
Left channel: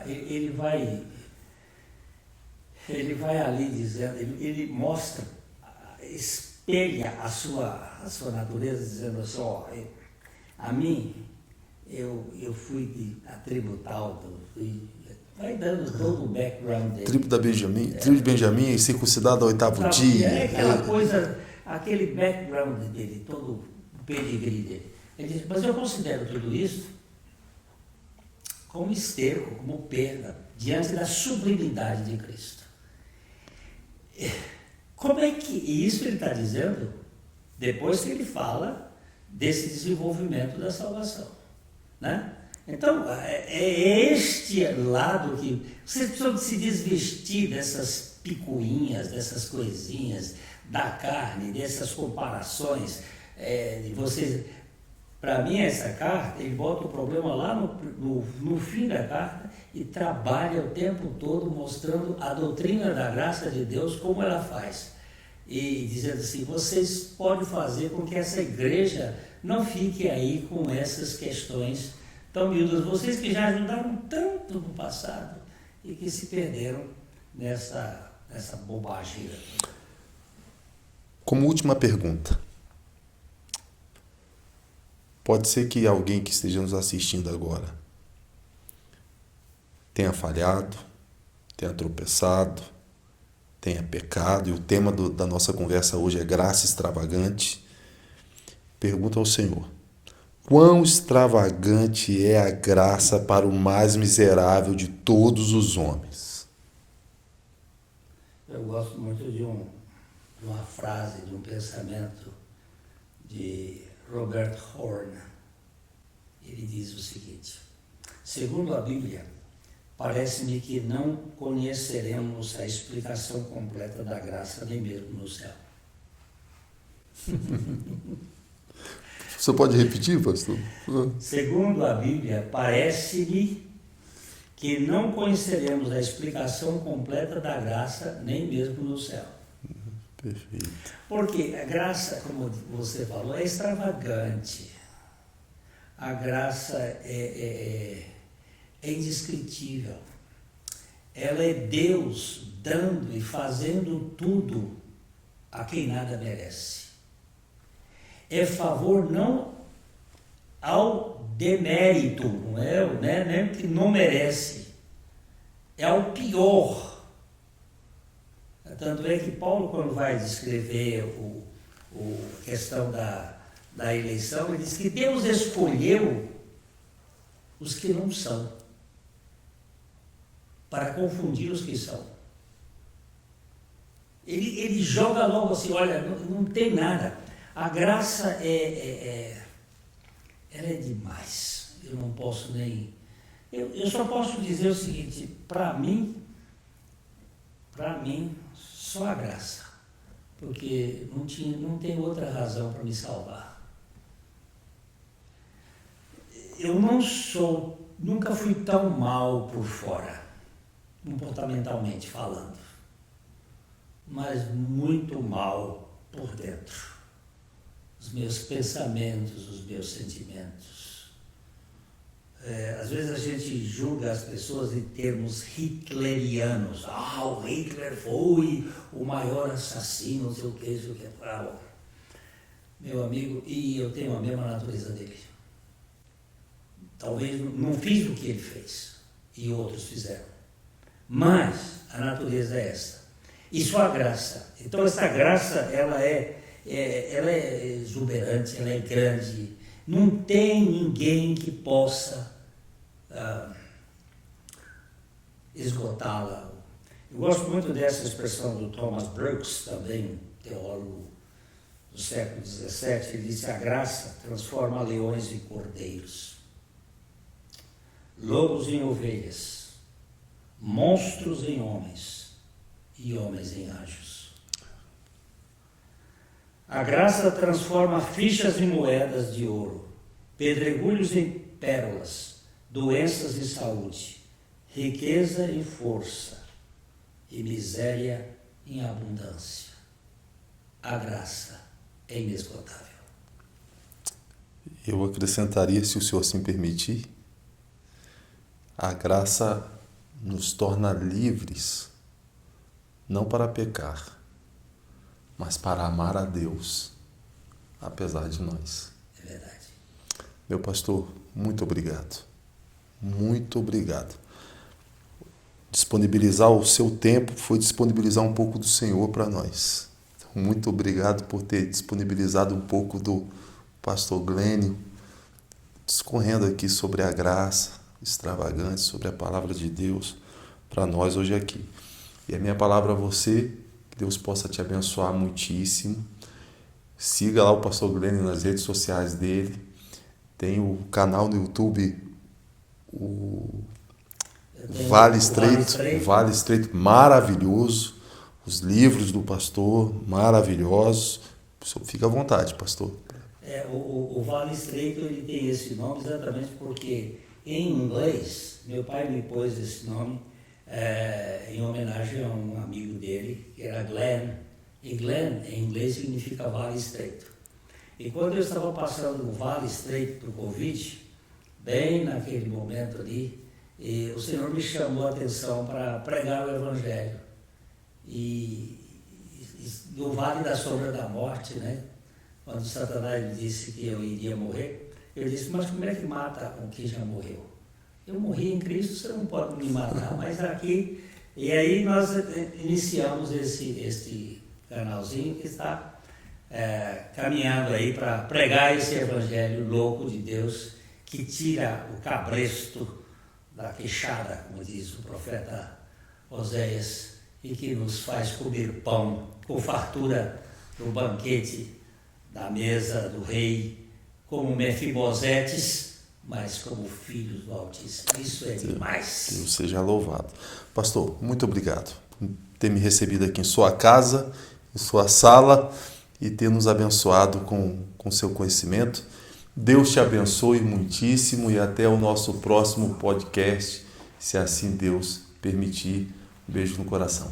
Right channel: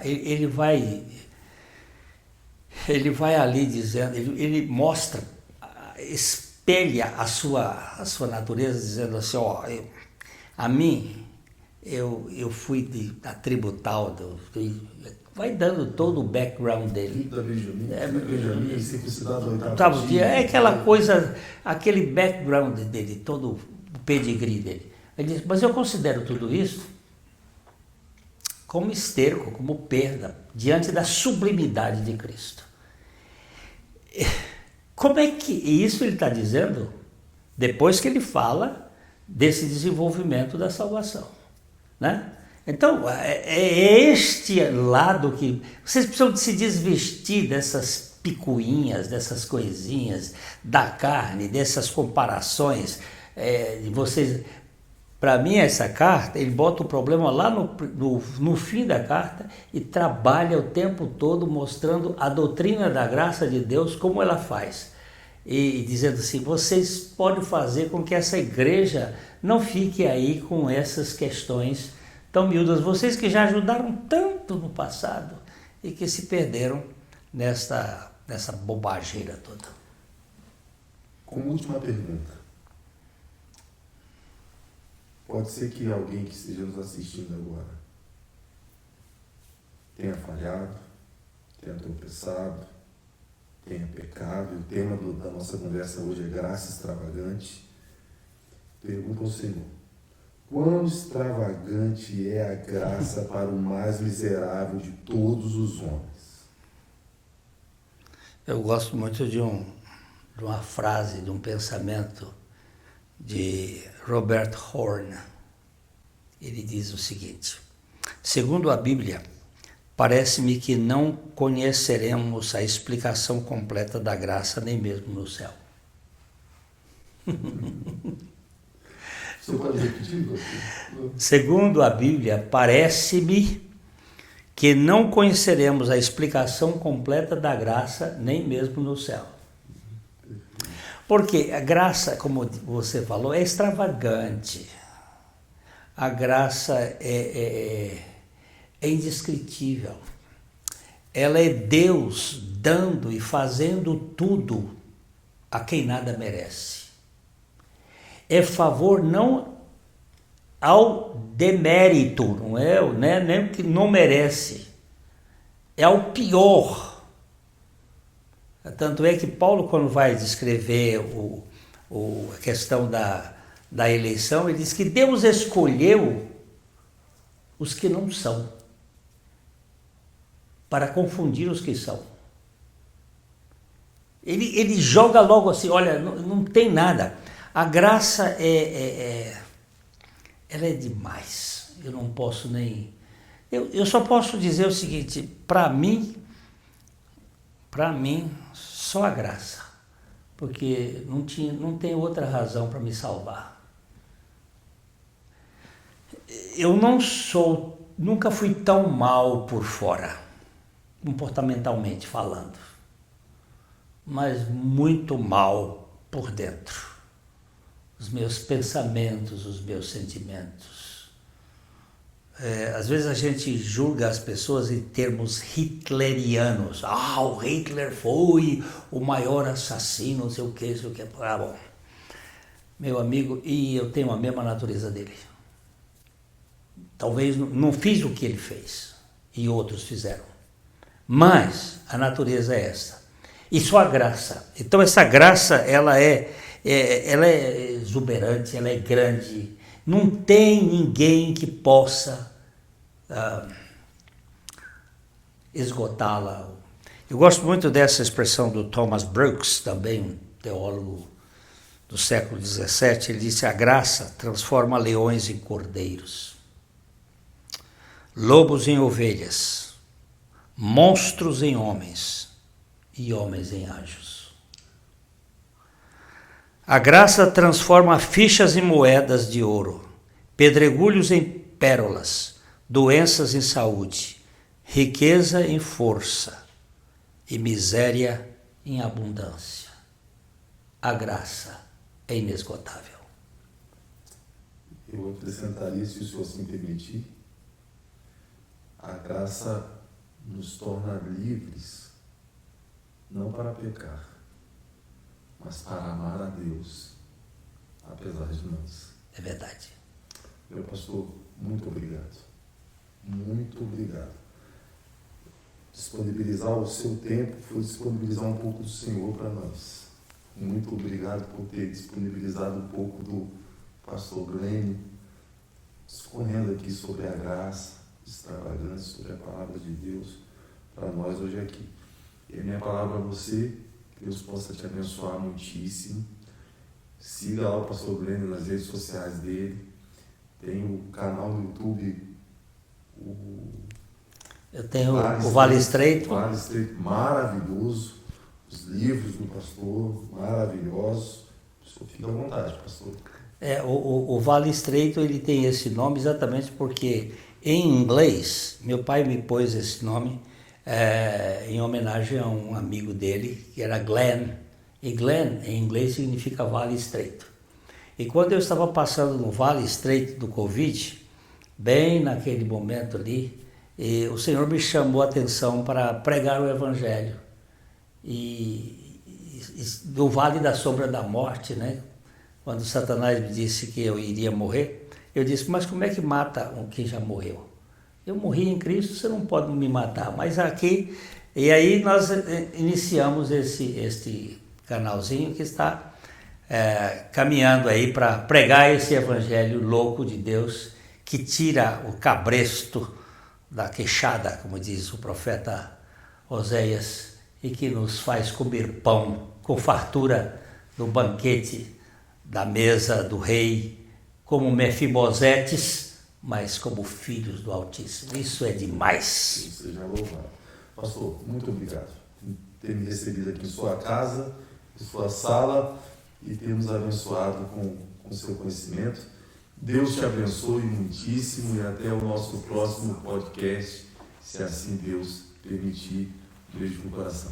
ele vai ali dizendo, ele mostra, espelha a sua natureza, dizendo assim, a mim, eu fui da tribo tal, vai dando todo o background dele. Tribo de Benjamim, circuncidado ao 8º dia. É aquela coisa, aquele background dele, todo o pedigree dele. Ele diz, mas eu considero tudo isso como esterco, como perda, diante da sublimidade de Cristo. Como é que isso ele está dizendo depois que ele fala desse desenvolvimento da salvação, né? Então, é este lado que vocês precisam de se desvestir dessas picuinhas, dessas coisinhas da carne, dessas comparações. De vocês, para mim, essa carta, ele bota o problema lá no fim da carta e trabalha o tempo todo mostrando a doutrina da graça de Deus, como ela faz. E dizendo assim, vocês podem fazer com que essa igreja não fique aí com essas questões tão miúdas. Vocês que já ajudaram tanto no passado e que se perderam nessa bobageira toda. Como última pergunta, pode ser que alguém que esteja nos assistindo agora tenha falhado, tenha tropeçado, tenha pecado, e o tema da nossa conversa hoje é graça extravagante. Pergunta ao Senhor: quão extravagante é a graça para o mais miserável de todos os homens? Eu gosto muito de uma frase, de um pensamento de Robert Horn. Ele diz o seguinte: segundo a Bíblia, parece-me que não conheceremos a explicação completa da graça nem mesmo no céu. Você pode repetir, pastor? Segundo a Bíblia, parece-me que não conheceremos a explicação completa da graça nem mesmo no céu. Perfeito. Porque a graça, como você falou, é extravagante. A graça é indescritível. Ela é Deus dando e fazendo tudo a quem nada merece. É favor não ao demérito, não é, né? Nem que não merece. É ao pior. Tanto é que Paulo, quando vai descrever a questão da eleição, ele diz que Deus escolheu os que não são, para confundir os que são. Ele joga logo assim, olha, não tem nada. A graça ela é demais. Eu não posso nem... Eu só posso dizer o seguinte, para mim, só a graça. Porque não tem outra razão para me salvar. Eu nunca fui tão mal por fora, comportamentalmente falando, mas muito mal por dentro. Os meus pensamentos, os meus sentimentos. Às vezes a gente julga as pessoas em termos hitlerianos. O Hitler foi o maior assassino, não sei o que, não sei o que. Bom, meu amigo, e eu tenho a mesma natureza dele. Talvez não fiz o que ele fez e outros fizeram. Mas a natureza é essa. E só a graça. Então essa graça, ela é exuberante, ela é grande. Não tem ninguém que possa esgotá-la. Eu gosto muito dessa expressão do Thomas Brooks, também teólogo do século XVII. Ele disse: a graça transforma leões em cordeiros, lobos em ovelhas, monstros em homens e homens em anjos. A graça transforma fichas em moedas de ouro, pedregulhos em pérolas, doenças em saúde, riqueza em força e miséria em abundância. A graça é inesgotável. Eu acrescentaria, se o senhor assim permitir, a graça nos torna livres, não para pecar, mas para amar a Deus, apesar de nós. É verdade. Meu pastor, muito obrigado. Muito obrigado. Disponibilizar o seu tempo foi disponibilizar um pouco do Senhor para nós. Muito obrigado por ter disponibilizado um pouco do pastor Glênio, discorrendo aqui sobre a graça extravagante, sobre a palavra de Deus para nós hoje aqui. E a minha palavra a você, que Deus possa te abençoar muitíssimo. Siga lá o pastor Glênio nas redes sociais dele. Tem o canal no YouTube Eu tenho Vale o Vale Estreito, Estreito. Vale Estreito, maravilhoso. Os livros do pastor, maravilhosos. O senhor fica à vontade, pastor. O Vale Estreito ele tem esse nome exatamente porque em inglês, meu pai me pôs esse nome em homenagem a um amigo dele, que era Glenn. E Glenn, em inglês, significa Vale Estreito. E quando eu estava passando no Vale Estreito do Covid, bem naquele momento ali, o Senhor me chamou a atenção para pregar o Evangelho. E do Vale da Sombra da Morte, né? Quando Satanás me disse que eu iria morrer, eu disse, mas como é que mata um que já morreu? Eu morri em Cristo, você não pode me matar, mas aqui... E aí nós iniciamos esse canalzinho que está caminhando aí para pregar esse evangelho louco de Deus que tira o cabresto da queixada, como diz o profeta Oséias, e que nos faz comer pão com fartura no banquete da mesa do rei, como Mefibosetes, mas como filhos do Altíssimo. Isso é demais. Deus seja louvado. Pastor, muito obrigado por ter me recebido aqui em sua casa, em sua sala e ter nos abençoado com seu conhecimento. Deus te abençoe muitíssimo e até o nosso próximo podcast, se assim Deus permitir. Um beijo no coração.